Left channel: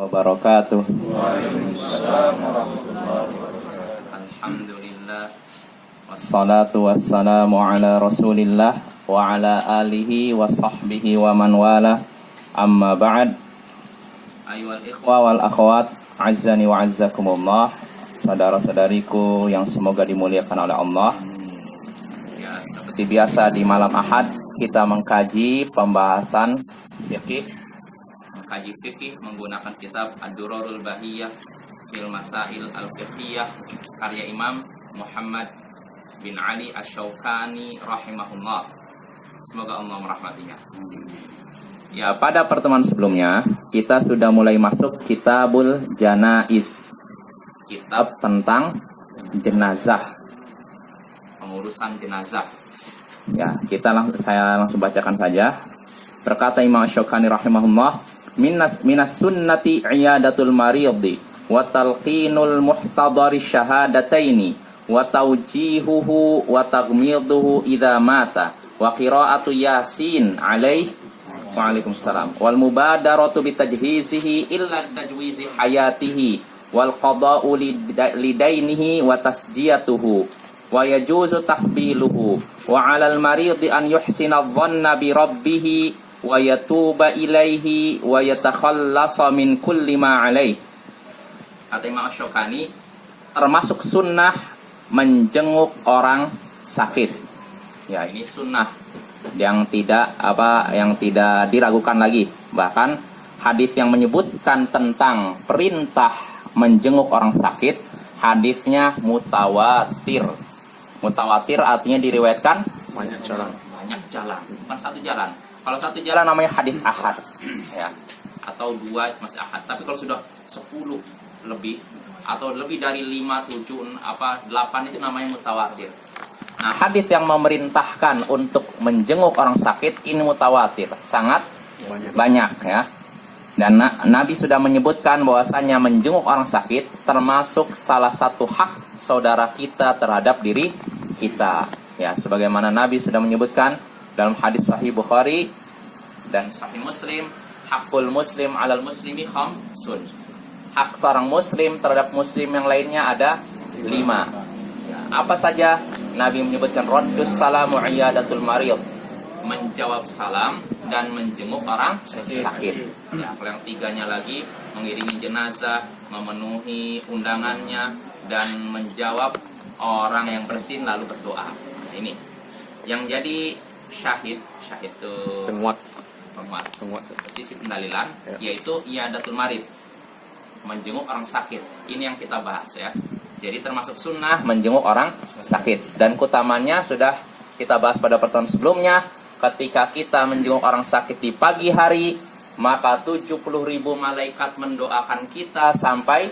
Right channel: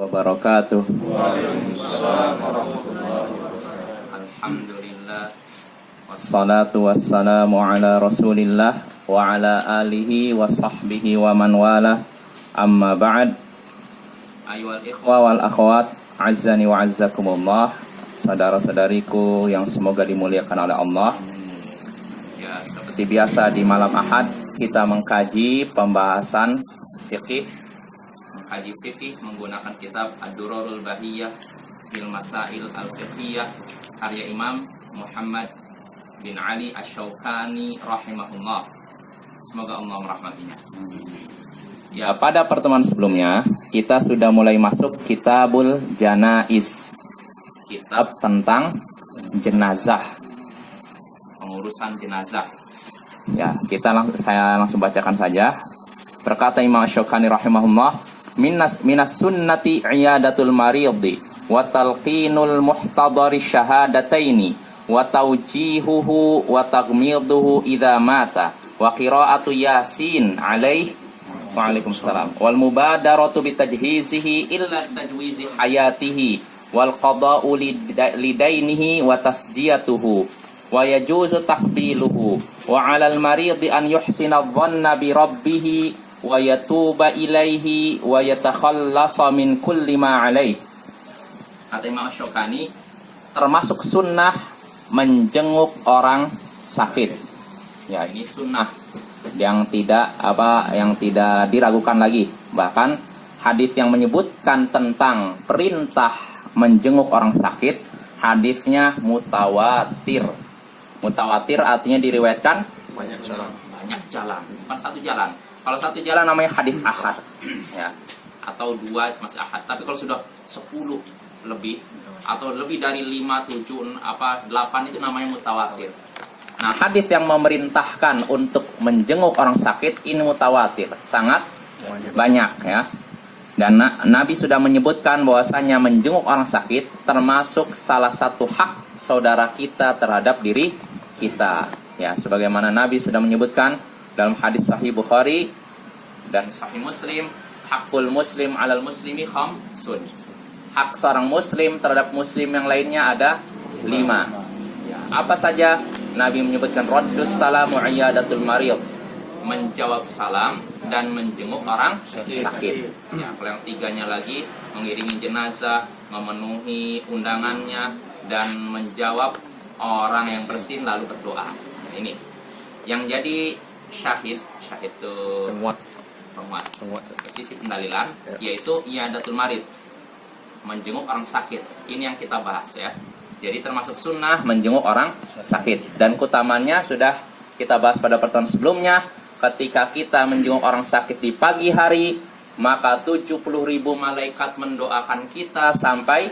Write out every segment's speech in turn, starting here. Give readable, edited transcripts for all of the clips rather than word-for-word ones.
wabarakatuh. Waalaikumsalam warahmatullahi wabarakatuh. Alhamdulillah. Wassalatu wassalamu ala rasulillah wa ala alihi wa sahbihi wa man wala. Amma ba'd. Ayyuhal ikhwa wal akhwat, azzani wa azzakumullah. Saudara-saudariku yang semoga dimuliakan oleh Allah. Ya, seperti biasa di malam Ahad kita mengkaji pembahasan fikih. Mengkaji fikih menggunakan kitab Ad-Durarul Bahiyah fil Masail Al-Fiqhiyah karya Imam Muhammad bin Ali Asy-Syaukani rahimahullah. Semoga Allah merahmatinya. Ya, pada pertemuan sebelumnya kita sudah mulai masuk Kitabul Janaiz. Kitab tentang jenazah. Pengurusan jenazah. Ya, saya langsung bacakan saja. Berkata Imam Asy-Syaukani rahimahullah, minas sunnati iyadatul maridi wa talqinul muhtadari syahadataini wa tawjihuhu wa taghmiduhu idza mata wa qira'atu yasin alaihi wa alaikumussalam wal mubadaratu bitajhizihi illa tajwizi hayatihi wal qada'u lidainihi wa tasjiyatuhu wa yajuzu tahbiluhu wa 'alal maridi an yuhsina dhanna bi rabbih wa yatuba ilaihi wa yatakhallasa min kulli ma alaih. Kata Imam Asy-Syaukani, termasuk sunnah menjenguk orang sakit. Ya, ini sunnah yang tidak diragukan lagi. Bahkan hadis yang menyebutkan tentang perintah menjenguk orang sakit, hadisnya mutawatir. Mutawatir artinya diriwayatkan banyak jalan, bukan satu jalan. Kalau satu jalan namanya hadis ahad, ya, atau dua masih ahad. Tapi kalau sudah 10 lebih atau lebih dari 5, 7, 8 itu namanya mutawatir. Nah, hadis yang memerintahkan untuk menjenguk orang sakit ini mutawatir, sangat banyak, ya. Dan Nabi sudah menyebutkan bahwasanya menjenguk orang sakit termasuk salah satu hak saudara kita terhadap diri kita. Ya, sebagaimana Nabi sudah menyebutkan dalam hadis Sahih Bukhari dan Sahih Muslim, hakul muslim alal muslimi khamsun. Hak seorang muslim terhadap muslim yang lainnya ada 5. Ya, apa saja? Nabi menyebutkan raddus salamu iyadatul marid, menjawab salam dan menjenguk orang sakit. Ya, kalau yang 3-nya lagi mengiringi jenazah, memenuhi undangannya dan menjawab orang yang bersin lalu berdoa. Nah, ini yang jadi syahid itu penguat sisi pendalilan, yaitu iyadatul marid, menjenguk orang sakit. Ini yang kita bahas, ya. Jadi termasuk sunnah menjenguk orang sakit, dan keutamanya sudah kita bahas pada pertemuan sebelumnya. Ketika kita menjenguk orang sakit di pagi hari, maka 70.000 malaikat mendoakan kita sampai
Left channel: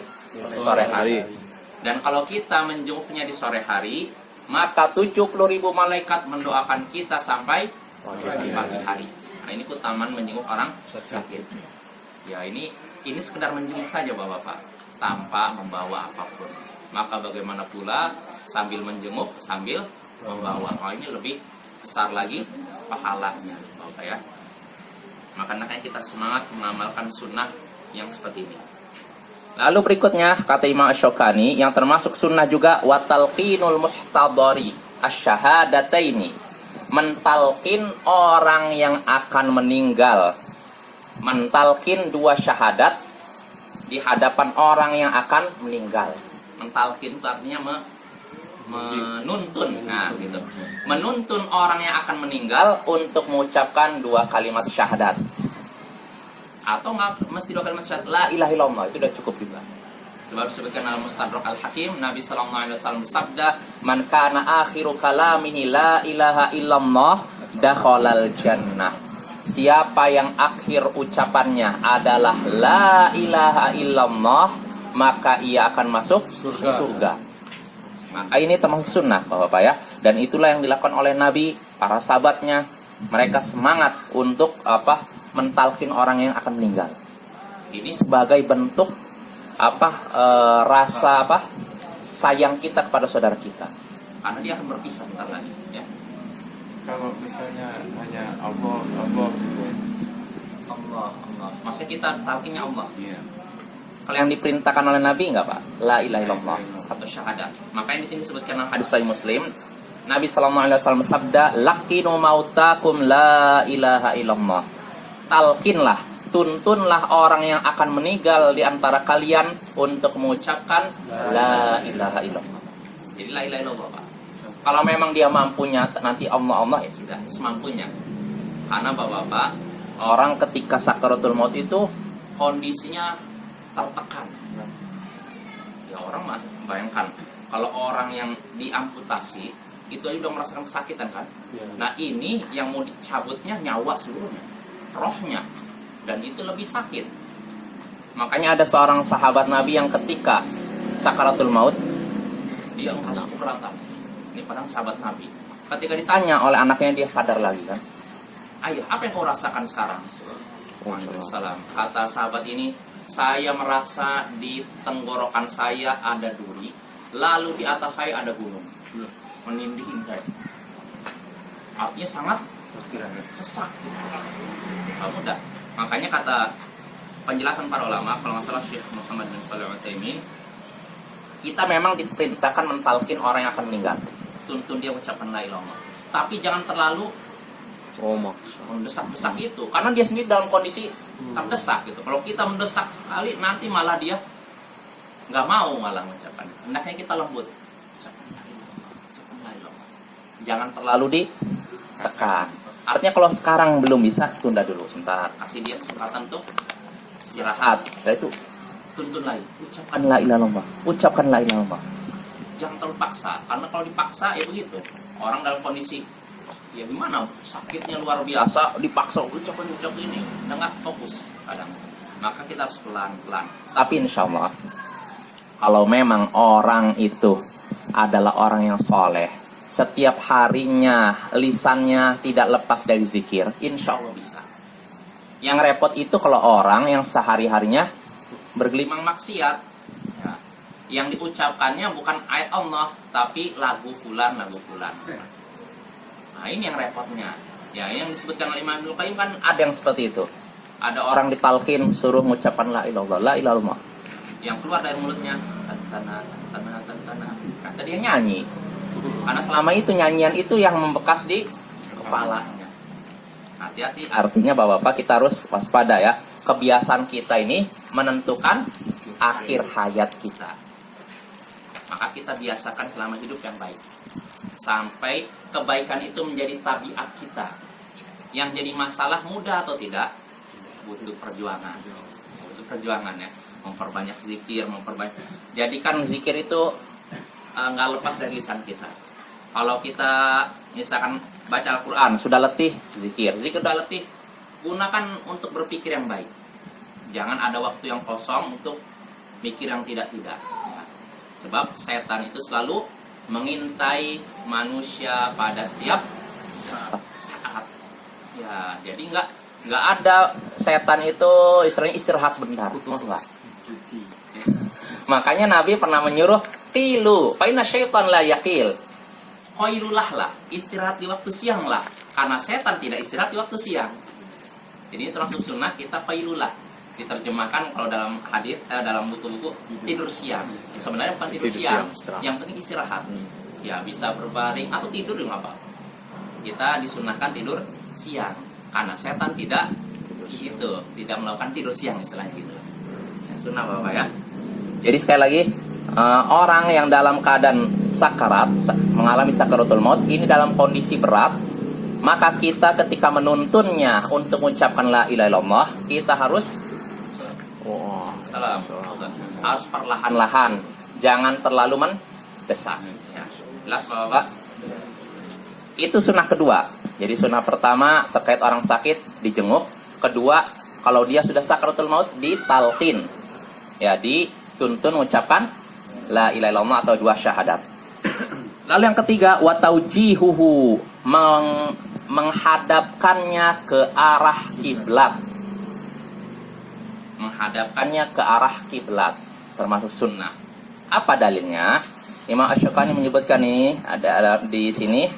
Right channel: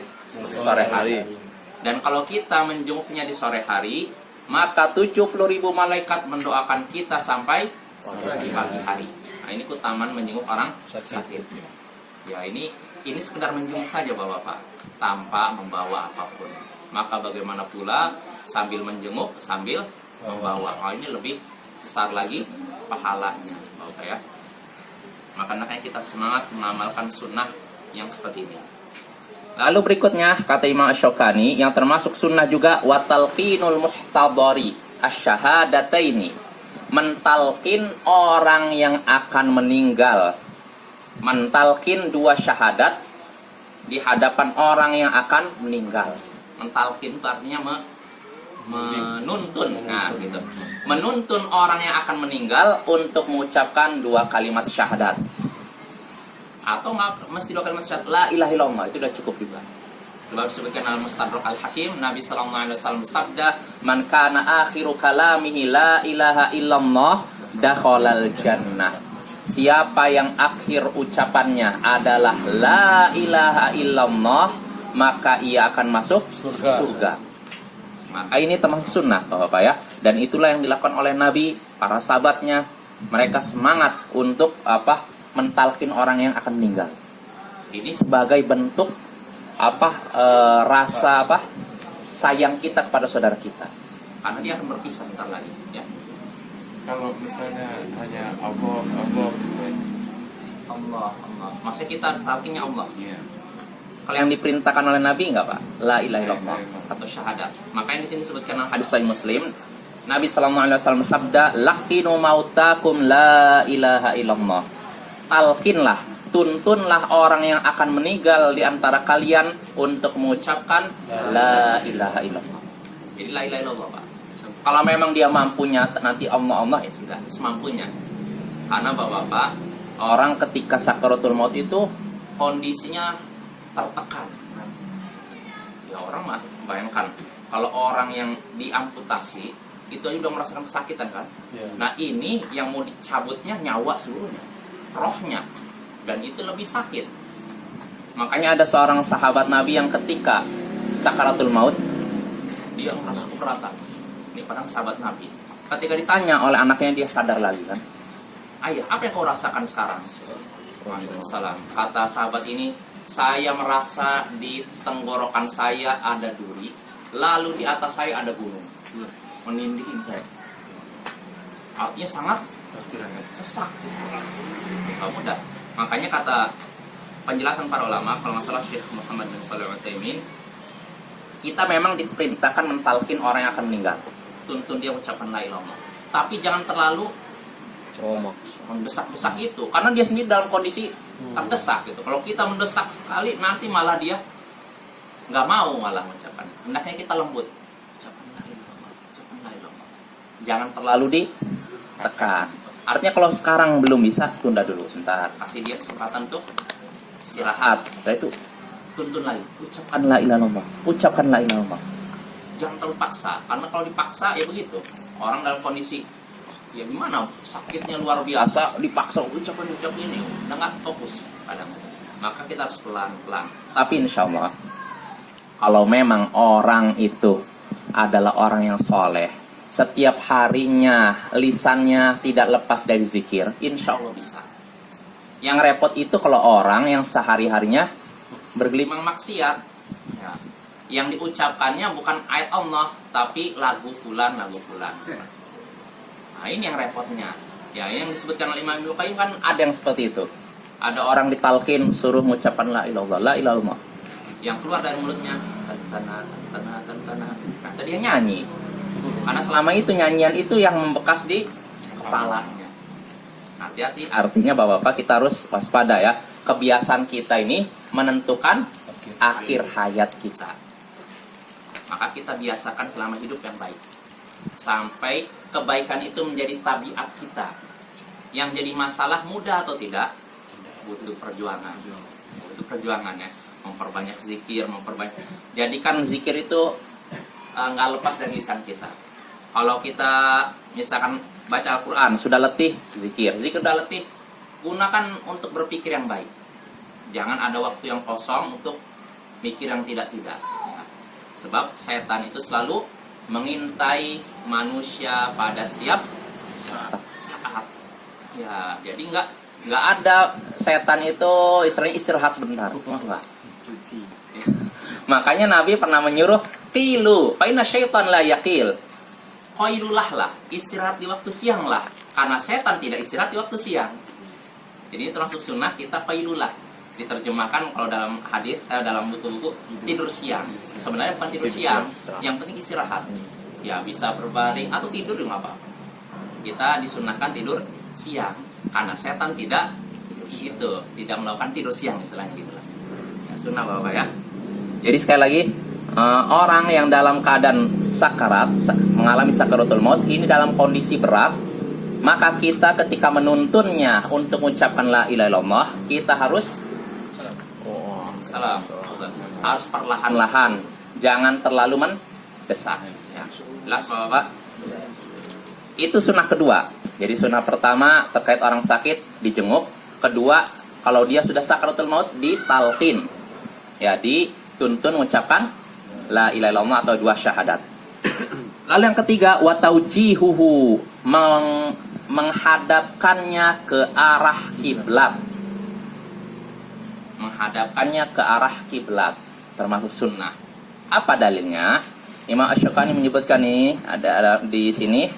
sore hari. Dan kalau kita menjenguknya di sore hari, maka 70.000 malaikat mendoakan kita sampai di pagi hari. Nah, ini keutamaan menjenguk orang sakit. Ya, ini sekedar menjenguk saja Bapak-bapak, tanpa membawa apapun. Maka bagaimana pula sambil menjenguk sambil membawa? Oh, ini lebih besar lagi pahalanya, Bapak, ya. Makanya kita semangat mengamalkan sunnah yang seperti ini. Lalu berikutnya kata Imam Asy-Syaukani, yang termasuk sunnah juga watalqinul muhtadari asyhadataini, mentalkin orang yang akan meninggal, mentalkin 2 syahadat di hadapan orang yang akan meninggal. Mentalkin itu artinya menuntun. Nah, gitu. Menuntun orang yang akan meninggal untuk mengucapkan 2 kalimat syahadat. Atau nggak mesti 2 kalimat syahadat, la ilaha illallah, itu udah cukup juga. Sebab disebutkan dalam Mustadrak Al-Hakim, Nabi sallallahu alaihi wasallam bersabda, "Man kana akhiru kalamihi la ilaha illallah, dakhalal jannah." Siapa yang akhir ucapannya adalah la ilaha illallah, maka ia akan masuk surga. Maka ini termasuk sunnah, Bapak, ya. Dan itulah yang dilakukan oleh Nabi, para sahabatnya. Mereka semangat untuk mentalkin orang yang akan meninggal. Ini sebagai bentuk rasa sayang kita kepada saudara kita, karena dia akan berpisah bentar lagi, ya. Kalau misalnya hanya Allah gitu ya. Allah. Maksudnya kita talkinnya Allah. Iya. Kalau yang diperintahkan oleh Nabi enggak, Pak? La ilaha illallah atau syahadat. Makanya di sini disebutkan dalam hadis Sahih Muslim, Nabi sallallahu alaihi wasallam sabda, "Laqinu mautakum la ilaha illallah." Talkinlah, tuntunlah orang yang akan meninggal di antara kalian untuk mengucapkan la ilaha illallah. Jadi la ilaha illallah, Pak. Kalau memang dia mampunya, nanti Allah ya sudah semampunya. Karena Bapak-bapak, orang ketika sakaratul maut itu kondisinya tertekan. Ya orang masih bayangkan kalau orang yang diamputasi itu aja udah merasakan kesakitan kan. Nah ini yang mau dicabutnya nyawa seluruhnya, rohnya, dan itu lebih sakit. Makanya ada seorang sahabat Nabi yang ketika sakaratul maut dia merasa keberatan. Ini padahal sahabat Nabi. Ketika ditanya oleh anaknya dia sadar lagi kan. Ayah, apa yang kau rasakan sekarang? Waalaikumsalam. Kata sahabat ini, saya merasa di tenggorokan saya ada duri, lalu di atas saya ada gunung, menindih saya. Artinya sangat sesak. Gak mudah. Makanya kata penjelasan para ulama, kalau nggak salah Syekh Muhammad bin Shalih Al-Utsaimin, kita memang diperintahkan mentalkin orang yang akan meninggal, tuntun dia mengucapkan la ilaha illallah. Tapi jangan terlalu mendesak-desak itu, karena dia sendiri dalam kondisi terdesak gitu. Kalau kita mendesak sekali, nanti malah dia nggak mau malah mengucapkan. Hendaknya kita lembut, ucapkan la ilaha illallah, ucapkan la ilaha illallah. Jangan terlalu ditekan. Artinya kalau sekarang belum bisa, tunda dulu sebentar, kasih dia kesempatan untuk istirahat. Setelah itu tuntun lagi, ucapkan la ilaha illallah, ucapkan la ilaha illallah. Jangan terlalu paksa, karena kalau dipaksa ya begitu. Orang dalam kondisi ya gimana, sakitnya luar biasa, dipaksa ucap ini, udah nggak fokus kadang. Maka kita harus pelan-pelan. Tapi insya Allah, kalau memang orang itu adalah orang yang soleh, setiap harinya lisannya tidak lepas dari zikir, insya Allah bisa. Yang repot itu kalau orang yang sehari-harinya bergelimang maksiat, ya, yang diucapkannya bukan ayat Allah, tapi lagu fulan. Nah ini yang repotnya. Ya yang disebutkan oleh Imam Ibnu Qayyim kan ada yang seperti itu. Ada orang ditalkin suruh mengucapkan la ilaha illallah. Yang keluar dari mulutnya tantana. Kata dia nyanyi. Karena selama itu nyanyian itu yang membekas di kepalanya. Hati-hati, artinya Bapak-bapak kita harus waspada ya. Kebiasaan kita ini menentukan akhir hayat kita. Maka kita biasakan selama hidup yang baik. Sampai kebaikan itu menjadi tabiat kita. Yang jadi masalah mudah atau tidak? Butuh perjuangan. Butuh perjuangan ya. Memperbanyak zikir, jadikan zikir itu nggak lepas dari lisan kita. Kalau kita misalkan baca Al-Quran sudah letih, zikir udah letih, gunakan untuk berpikir yang baik. Jangan ada waktu yang kosong untuk mikir yang tidak-tidak ya. Sebab setan itu selalu mengintai manusia pada setiap saat ya. Jadi nggak ada setan itu istilahnya istirahat sebentar, enggak. Ya. Makanya Nabi pernah menyuruh tilu, fa inna syaitan la yaqil. Qailulah lah, istirahat di waktu siang lah, karena setan tidak istirahat di waktu siang. Jadi ini termasuk sunnah kita qailulah. Diterjemahkan kalau dalam hadis dalam buku-buku tidur siang. Sebenarnya bukan tidur siang, yang penting istirahat. Ya bisa berbaring atau tidur juga nggak apa-apa. Kita disunahkan tidur siang karena setan tidak melakukan tidur siang istilahnya gitulah. Ya, sunnah Bapak ya. Jadi sekali lagi orang yang dalam keadaan sakarat, mengalami sakaratul maut ini dalam kondisi berat, maka kita ketika menuntunnya untuk mengucapkan la ilaha illallah, kita harus harus perlahan-lahan, jangan terlalu mendesak ya. Jelas Bapak? Itu sunnah kedua. Jadi sunnah pertama terkait orang sakit dijenguk, kedua kalau dia sudah sakaratul maut ditalqin ya, dituntun mengucapkan la ilaha illallah atau dua syahadat. Lalu yang ketiga wa taujihuhu, menghadapkannya ke arah kiblat. Menghadapkannya ke arah kiblat termasuk sunnah. Apa dalilnya? Imam Asy-Syaukani menyebutkan ini ada di sini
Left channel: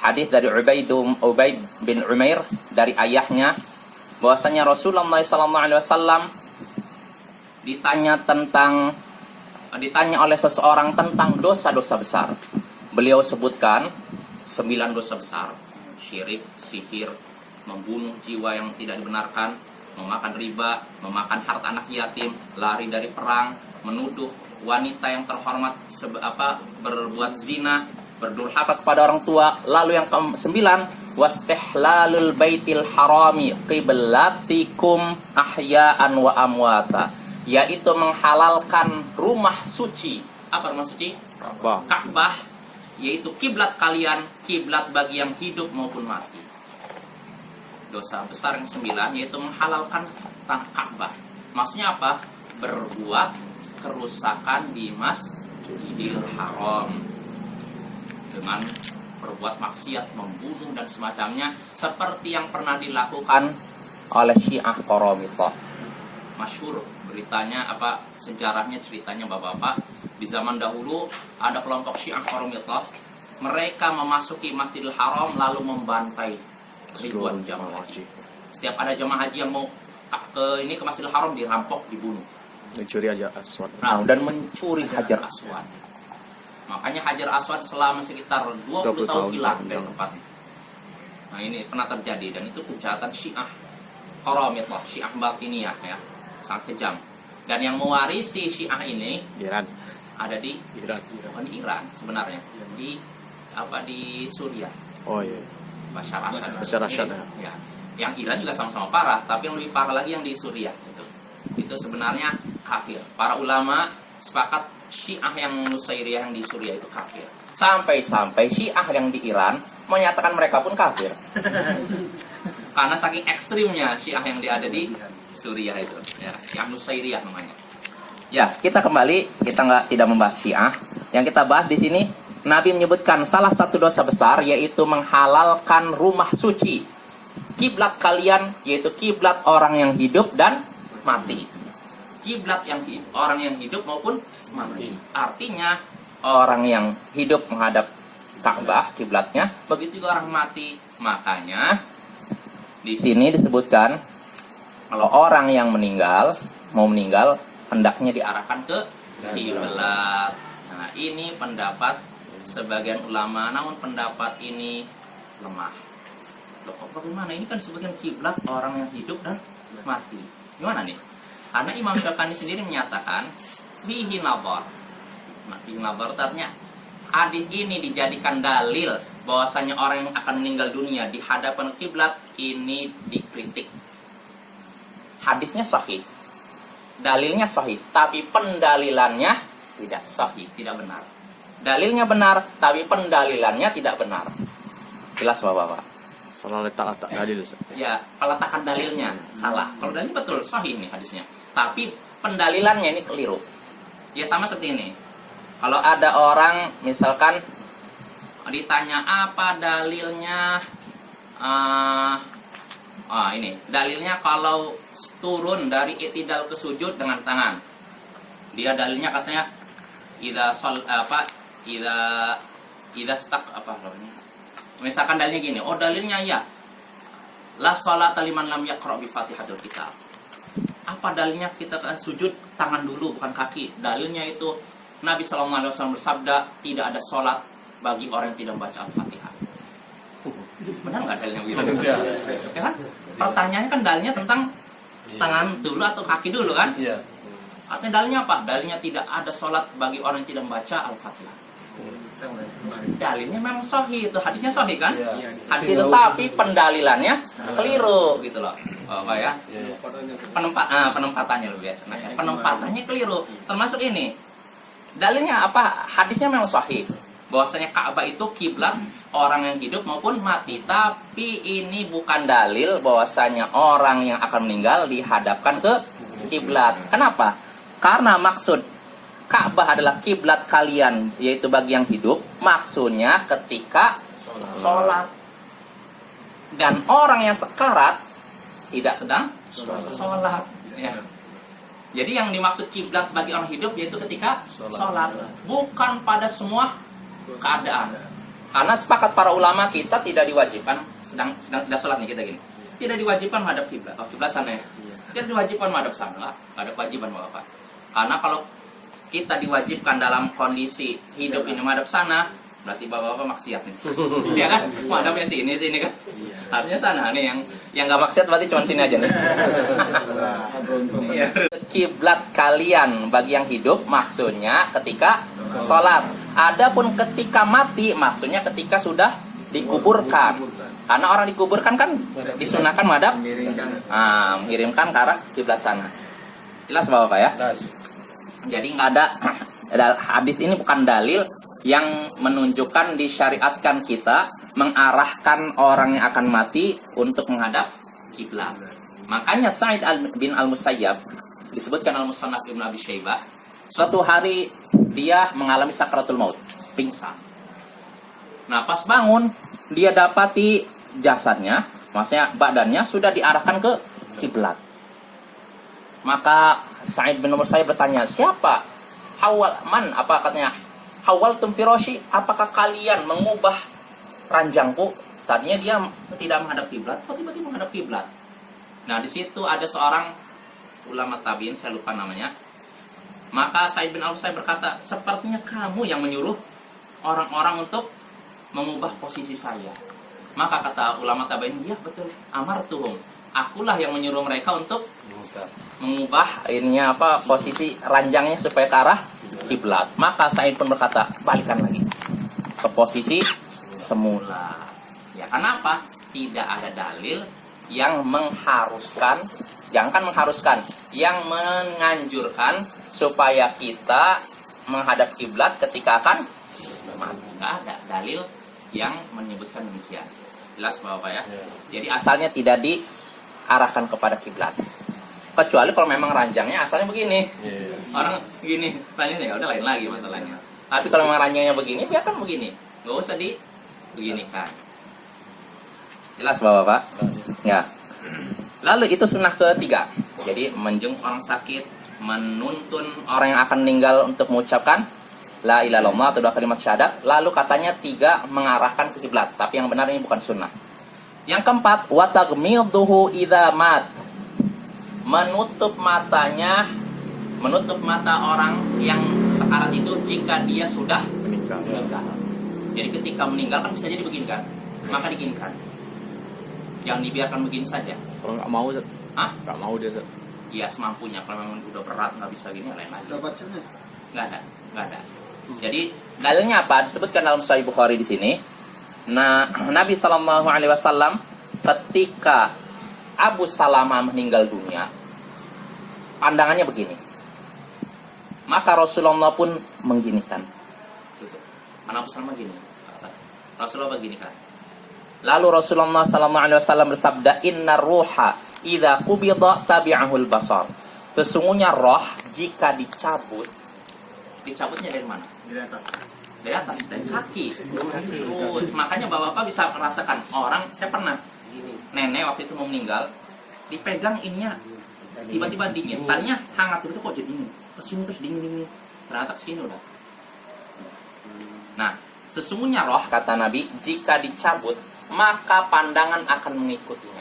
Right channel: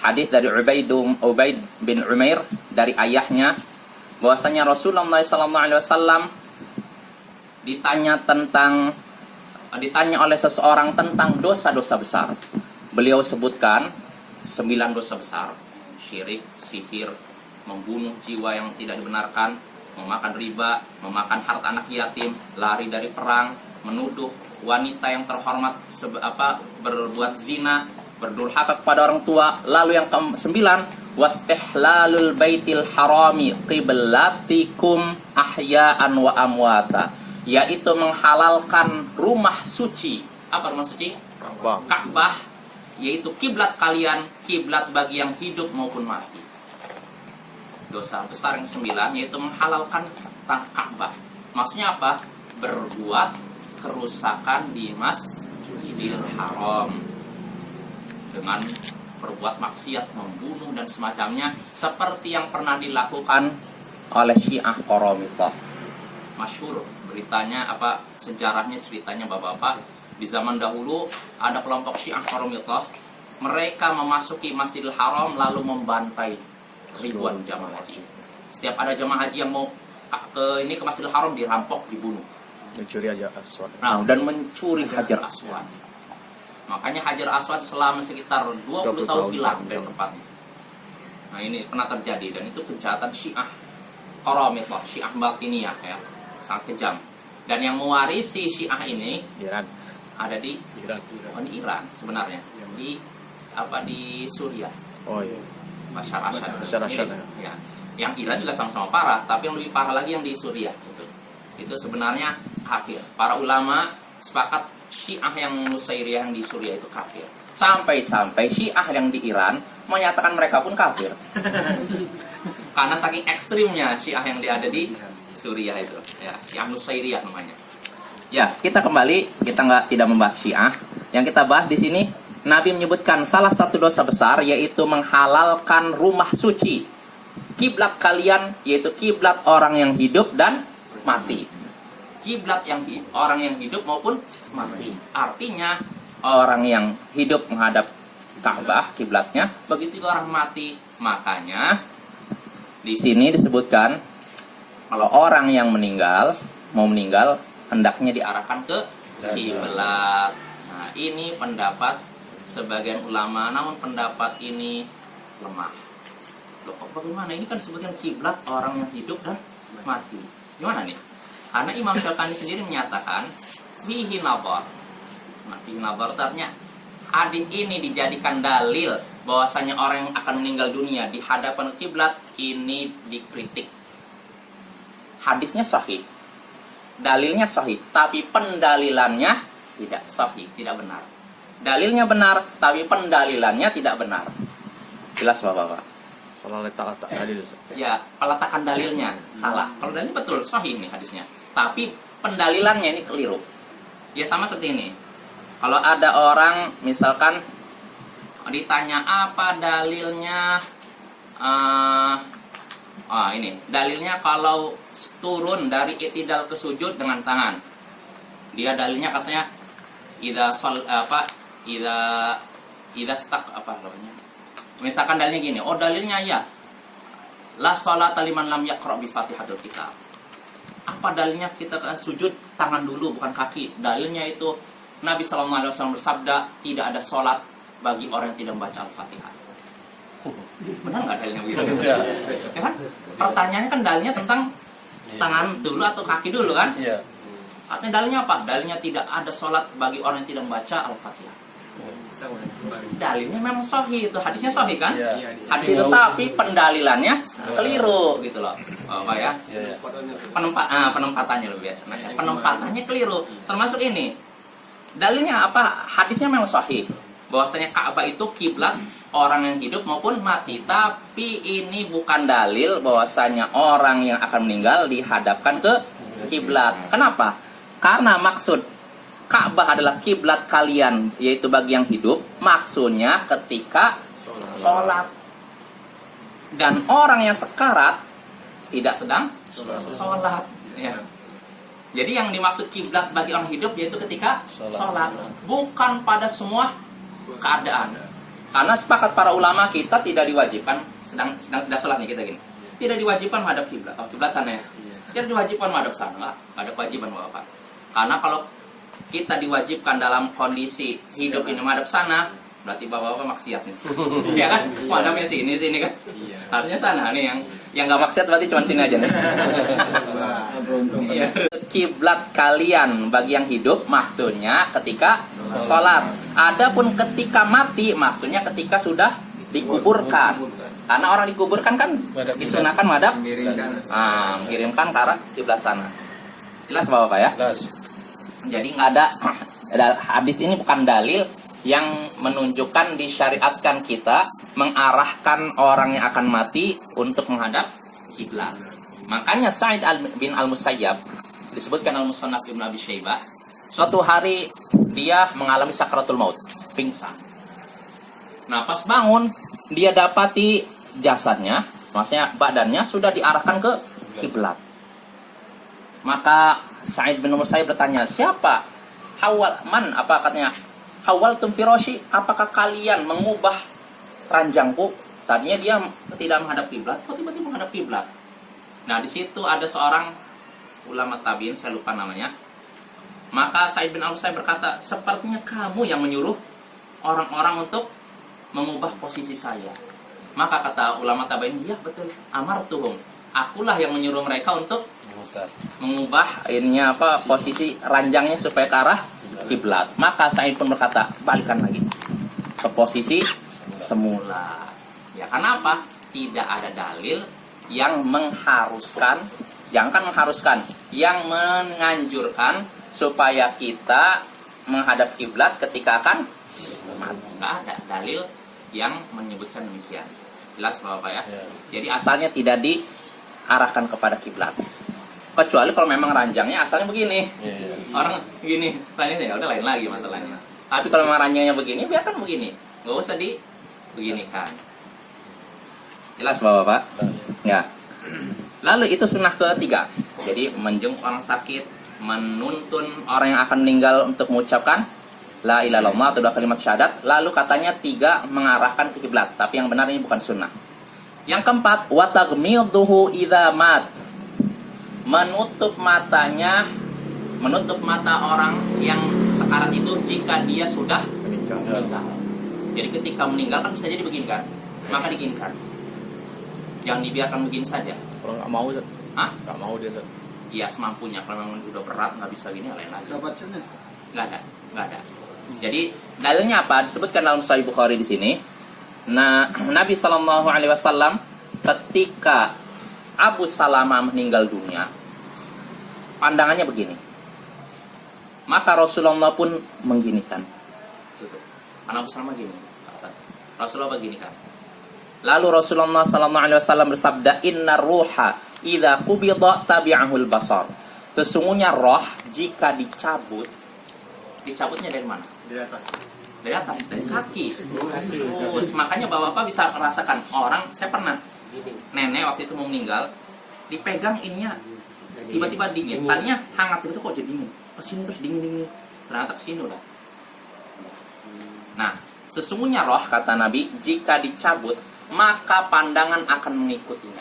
hadis dari Ubaid bin Umair dari ayahnya bahwasanya Rasulullah SAW ditanya oleh seseorang tentang dosa-dosa besar. Beliau sebutkan 9 dosa besar. Syirik, sihir, membunuh jiwa yang tidak dibenarkan, memakan riba, memakan harta anak yatim, lari dari perang, menuduh wanita yang terhormat berbuat zina, berdurhaka kepada orang tua. Lalu yang ke-9, wastihlalul baitil harami qiblatikum ahya'an wa amwata, yaitu menghalalkan rumah suci. Apa rumah suci? Ka'bah, yaitu kiblat kalian, kiblat bagi yang hidup maupun mati. Dosa besar yang 9 yaitu menghalalkan Ka'bah. Maksudnya apa? Berbuat kerusakan di Masjidil Haram dengan berbuat maksiat, membunuh dan semacamnya, seperti yang pernah dilakukan oleh Syiah Qaramithah. Masyhur beritanya, sejarahnya, ceritanya bapak-bapak, di zaman dahulu ada kelompok Syiah Qaramithah. Mereka memasuki Masjidil Haram lalu membantai ribuan jamaah haji. Setiap ada jamaah haji yang mau ke Masjidil Haram, dirampok, dibunuh. Mencuri Hajar Aswad. Nah, dan mencuri Hajar Aswad. Makanya Hajar Aswad selama sekitar 20 tahun hilang dari tempatnya. Nah, ini pernah terjadi, dan itu kejahatan Syiah Qaramithah, Syiah Batiniyah ya. Sangat kejam. Dan yang mewarisi Syiah ini Iran. ada di Iran. di Iran sebenarnya. Di Suriah. Oh iya. Bashar Assad. Bashar Assad, Ya. Yang Iran juga sama-sama parah, tapi yang lebih parah lagi yang di Suriah itu sebenarnya kafir. Para ulama sepakat Syiah yang Nusairiyah yang di Suriah itu kafir. Sampai-sampai Syiah yang di Iran menyatakan mereka pun kafir. Karena saking ekstrimnya Syiah yang ada di Suriah itu. Ya, Syiah Nusairiyah namanya. Ya, kita kembali, kita tidak membahas Syiah. Yang kita bahas di sini, Nabi menyebutkan salah satu dosa besar yaitu menghalalkan rumah suci, kiblat kalian, yaitu kiblat orang yang hidup dan mati. Kiblat orang yang hidup maupun mati. Artinya orang yang hidup menghadap Ka'bah kiblatnya, begitu juga orang mati. Makanya di sini disebutkan kalau orang yang mau meninggal hendaknya diarahkan ke kiblat. Nah, ini pendapat sebagian ulama, namun pendapat ini lemah. Loh, kok bagaimana? Ini kan disebutkan kiblat orang yang hidup dan mati. Gimana nih? Karena Imam Syafi'i sendiri menyatakan fihi nadhar. Nah, fihi nadhar artinya hadis ini dijadikan dalil bahwasanya orang yang akan meninggal dunia di hadapan kiblat ini dikritik. Hadisnya sahih. Dalilnya sahih, tapi pendalilannya tidak sahih, tidak benar. Dalilnya benar, tapi pendalilannya tidak benar. Jelas Bapak-bapak? Salah letak dalil. Ya, peletakan dalilnya salah. Kalau dalil betul, sahih ini hadisnya. Tapi pendalilannya ini keliru. Ya sama seperti ini. Kalau ada orang misalkan ditanya apa dalilnya, ini dalilnya kalau turun dari i'tidal ke sujud dengan tangan. Dia dalilnya katanya misalkan dalilnya gini, dalilnya ya la sholata liman lam yaqra bi Fatihatul Kitab. Apa dalilnya kita sujud tangan dulu bukan kaki? Dalilnya itu Nabi SAW bersabda tidak ada sholat bagi orang yang tidak membaca Al-Fatihah. Benar nggak dalilnya begitu? Ya kan? Pertanyaannya kan dalilnya tentang tangan dulu atau kaki dulu kan? Iya. Artinya dalilnya apa? Dalilnya tidak ada sholat bagi orang yang tidak membaca Al-Fatihah. Dalilnya memang sahih, itu hadisnya sahih kan? Hadis itu, tapi pendalilannya keliru gitu loh. Apa ya? Penempatannya lebih biasa. Penempatannya keliru. Termasuk ini. Dalilnya apa? Hadisnya memang sahih. Bahwasanya Ka'bah itu kiblat orang yang hidup maupun mati. Tapi ini bukan dalil bahwasanya orang yang akan meninggal dihadapkan ke kiblat. Kenapa? Karena maksud Ka'bah adalah kiblat kalian, yaitu bagi yang hidup. Maksudnya ketika sholat. Dan orang yang sekarat tidak sedang sholat. Ya. Jadi yang dimaksud kiblat bagi orang hidup yaitu ketika sholat, bukan pada semua keadaan. Karena sepakat para ulama kita tidak diwajibkan sedang tidak sholat nih kita gini. Tidak diwajibkan menghadap kiblat. Oh, kiblat sana ya. Jadi diwajibkan menghadap sana, nggak ada kewajiban Bapak. Karena kalau kita diwajibkan dalam kondisi hidup ini menghadap sana, berarti Bapak-bapak maksiat nih. Ya kan? Menghadapnya sini kan. Harusnya sana nih yang nggak maksiat berarti cuma sini aja nih. Iya. Kiblat kalian bagi yang hidup maksudnya ketika sholat. Adapun ketika mati maksudnya ketika sudah dikuburkan. Karena orang dikuburkan kan disunahkan menghadap mengirimkan ke arah kiblat sana. Jelas Bapak ya? Jadi nggak ada hadis ini bukan dalil yang menunjukkan disyariatkan kita mengarahkan orang yang akan mati untuk menghadap kiblat. Makanya Sa'id bin Al-Musayyab disebutkan Al-Musannaf Ibnu Abi Syaibah, suatu hari dia mengalami sakratul maut, pingsan. Nah, pas bangun dia dapati jasadnya, maksudnya badannya sudah diarahkan ke kiblat. Maka Sa'id bin Musayyab bertanya, "Siapa? Hawal man?" Apa katanya? "Hawaltum firashi?" Apakah kalian mengubah ranjangku? Tadinya dia tidak menghadap kiblat, kok tiba-tiba menghadap kiblat. Nah, di situ ada seorang ulama tabi'in, saya lupa namanya. Maka Sa'id bin Al-Musayyib berkata, "Sepertinya kamu yang menyuruh orang-orang untuk mengubah posisi saya." Maka kata ulama tabi'in, "Iya betul, amartuhum. Akulah yang menyuruh mereka untuk mengubah posisi ranjangnya supaya ke arah kiblat." Maka Sa'id pun berkata, "Balikan lagi ke posisi semula." Ya, kenapa? Tidak ada dalil yang mengharuskan, jangan mengharuskan, yang menganjurkan supaya kita menghadap kiblat ketika akan mati. Nggak ada dalil yang menyebutkan demikian. Jelas Bapak ya? Jadi asalnya tidak diarahkan kepada kiblat. Kecuali kalau memang ranjangnya asalnya begini. Orang begini, ranjangnya ya udah lain lagi masalahnya. Tapi kalau memang ranjangnya begini, biarkan begini. Nggak usah beginikan. Jelas Bapak? Ya. Lalu itu sunnah ketiga. Jadi menjenguk orang sakit, menuntun orang yang akan meninggal untuk mengucapkan la ilaha illallah atau dua kalimat syahadat. Lalu katanya 3 mengarahkan ke kiblat. Tapi yang benar ini bukan sunnah. Yang keempat, wa taghmidhuhu idza mat. Menutup mata orang yang sekarat itu jika dia sudah meninggal. Jadi ketika meninggal kan bisa jadi begini kan, maka diginikan. Jangan dibiarkan begini saja. Kalau nggak mau, Zat. Nggak mau dia, Zat. Ya semampunya. Kalau memang udah berat nggak bisa gini, lain lagi. Nggak ada. Jadi dalilnya apa? Disebutkan dalam Sahih Bukhari di sini. Nah, Nabi SAW ketika Abu Salamah meninggal dunia, pandangannya begini. Maka Rasulullah pun mengginikan. Karena Abu Salamah gini, Rasulullah beginikan. Lalu Rasulullah SAW bersabda, "Inna ruha idza qubida tabi'ahul basar." Sesungguhnya roh jika dicabutnya dari mana? Dari atas, dari kaki. Terus makanya bapak-bapak bisa merasakan orang, saya pernah nenek waktu itu mau meninggal, dipegang ininya tiba-tiba dingin. Tadinya hangat itu kok jadi dingin. Kesini terus dingin. Ternyata kesini udah. Nah, sesungguhnya roh kata Nabi jika dicabut maka pandangan akan mengikutinya.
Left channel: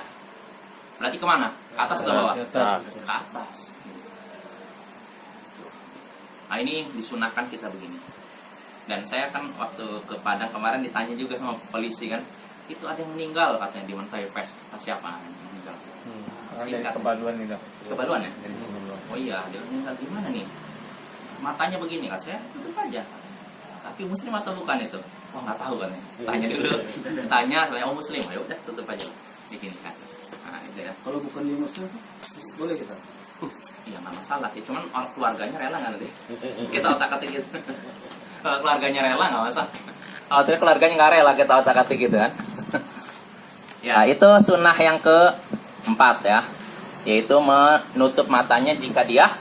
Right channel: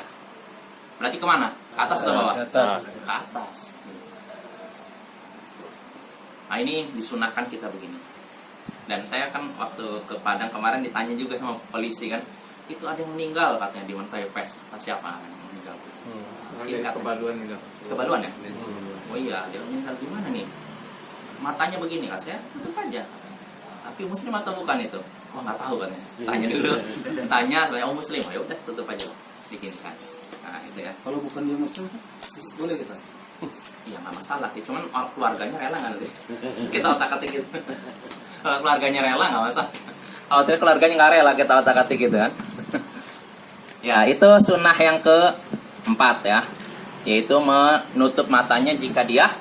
Berarti kemana? Ke atas atau bawah? Ke atas. Nah ini disunahkan kita begini. Dan saya kan waktu ke Padang kemarin ditanya juga sama polisi kan, itu ada yang meninggal katanya di Menteri Pes. Siapa yang meninggal? Singkat. Kebaluan ya? Oh iya, dia meninggal di mana nih? Matanya begini kan, saya tutup aja. Tapi muslim atau bukan itu? Wah nggak tahu kan ya. Tanya dulu. Tanya, oh muslim. Ya udah tutup aja lah. Bikin kan. Nah itu ya. Kalau bukan dia muslim, boleh kita? Iya nggak masalah sih. Cuman keluarganya rela nggak nanti? Kita otak-atik gitu. Kalau keluarganya rela nggak masalah. Kalau keluarganya nggak rela kita otak-atik gitu kan. Ya itu sunnah yang keempat ya. Yaitu menutup matanya jika dia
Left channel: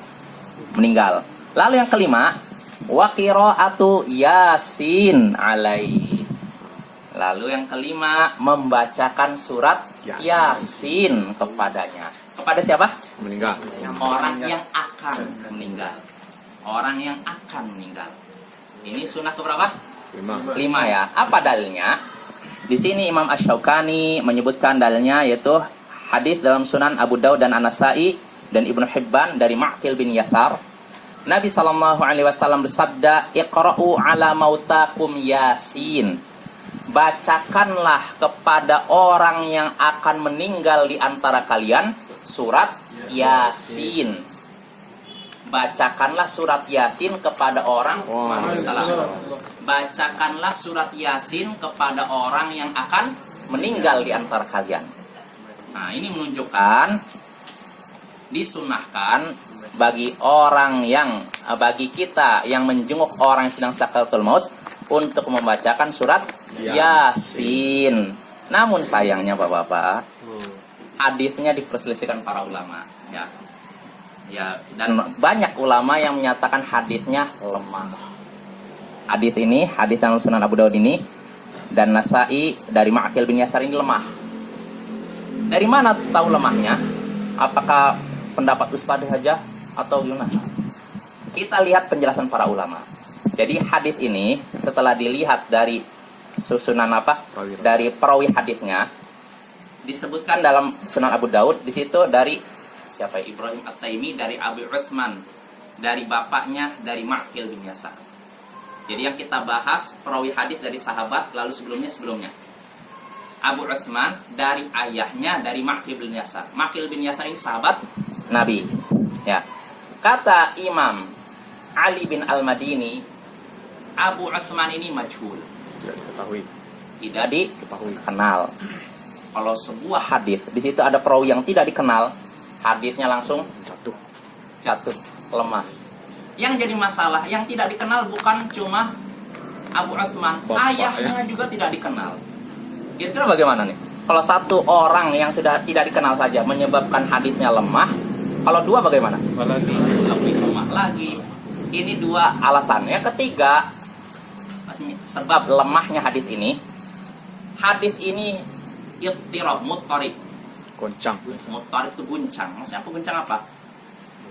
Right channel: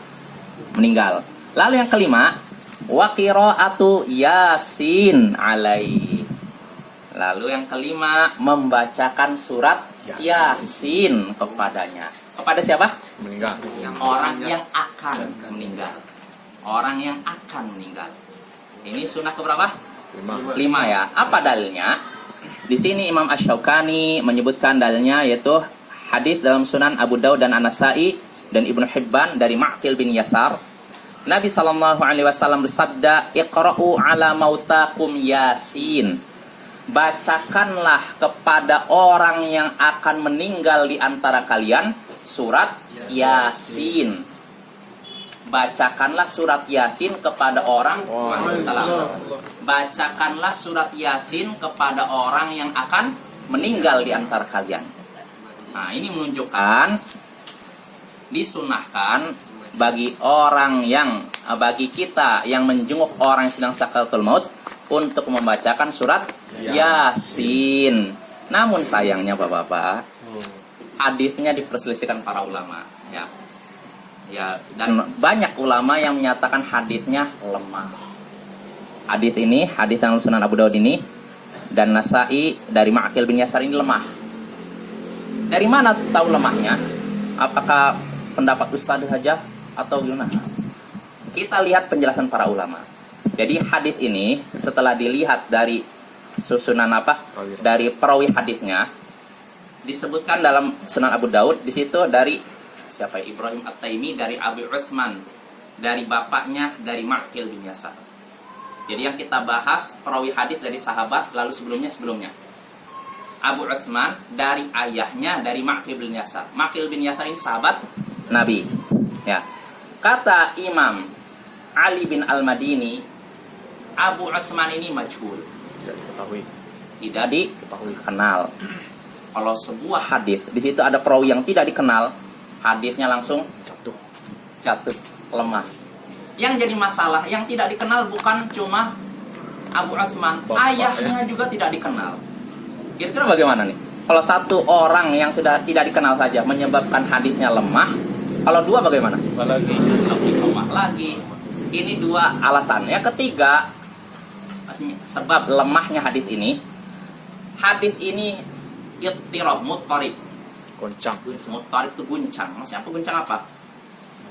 meninggal. Lalu yang kelima, wa qiraatu Yasin alaihi. Lalu yang kelima, membacakan surat Yasin kepadanya. Kepada siapa? Meninggal. Orang yang akan meninggal. Orang yang akan meninggal. Ini sunnah keberapa? 5 ya. Apa dalilnya? Di sini Imam Asy-Syaukani menyebutkan dalilnya yaitu hadis dalam Sunan Abu Daud dan An-Nasa'i dan Ibnu Hibban dari Ma'qil bin Yasar, Nabi SAW bersabda, "Iqra'u ala mautakum Yasin." Bacakanlah kepada orang yang akan meninggal di antara kalian surat Yasin. Bacakanlah surat Yasin kepada orang Bacakanlah surat Yasin kepada orang yang akan meninggal di antara kalian. Nah, ini menunjukkan disunahkan bagi kita yang menjenguk orang yang sedang sakaratul maut untuk membacakan surat Yasin. Namun sayangnya Bapak-bapak, hadisnya diperselisihkan para ulama, ya. Ya, dan banyak ulama yang menyatakan hadisnya lemah. Hadis ini, hadis yang Sunan Abu Daud ini dan Nasai dari Ma'qil bin Yasar ini lemah. Dari mana tahu lemahnya? Apakah pendapat ustadz saja atau gimana? Kita lihat penjelasan para ulama. Jadi hadis ini setelah dilihat dari susunan dari perawi hadisnya, disebutkan dalam Sunan Abu Daud, di situ dari siapa? Ibrahim At-Taimi dari Abu Uthman, dari bapaknya dari Ma'qil bin Yasar. Jadi yang kita bahas perawi hadis dari sahabat, lalu sebelumnya Abu Uthman dari ayahnya dari Ma'qil bin Yasar. Ma'qil bin Yasar ini sahabat Nabi. Ya. Kata Imam Ali bin Al-Madini, Abu Uthman ini majhul. Tidak dikenal. Kalau sebuah hadis di situ ada perawi yang tidak dikenal, hadisnya langsung jatuh, lemah. Yang jadi masalah, yang tidak dikenal bukan cuma Abu Uthman, ayahnya juga tidak dikenal. Kira-kira bagaimana nih? Kalau satu orang yang sudah tidak dikenal saja menyebabkan hadisnya lemah, kalau dua bagaimana? Lebih lemah lagi. Ini dua alasan. Yang ketiga, sebab lemahnya hadis ini. Hadis ini ittirab, muttarib. Muttarib itu guncang. Maksudnya apa guncang apa?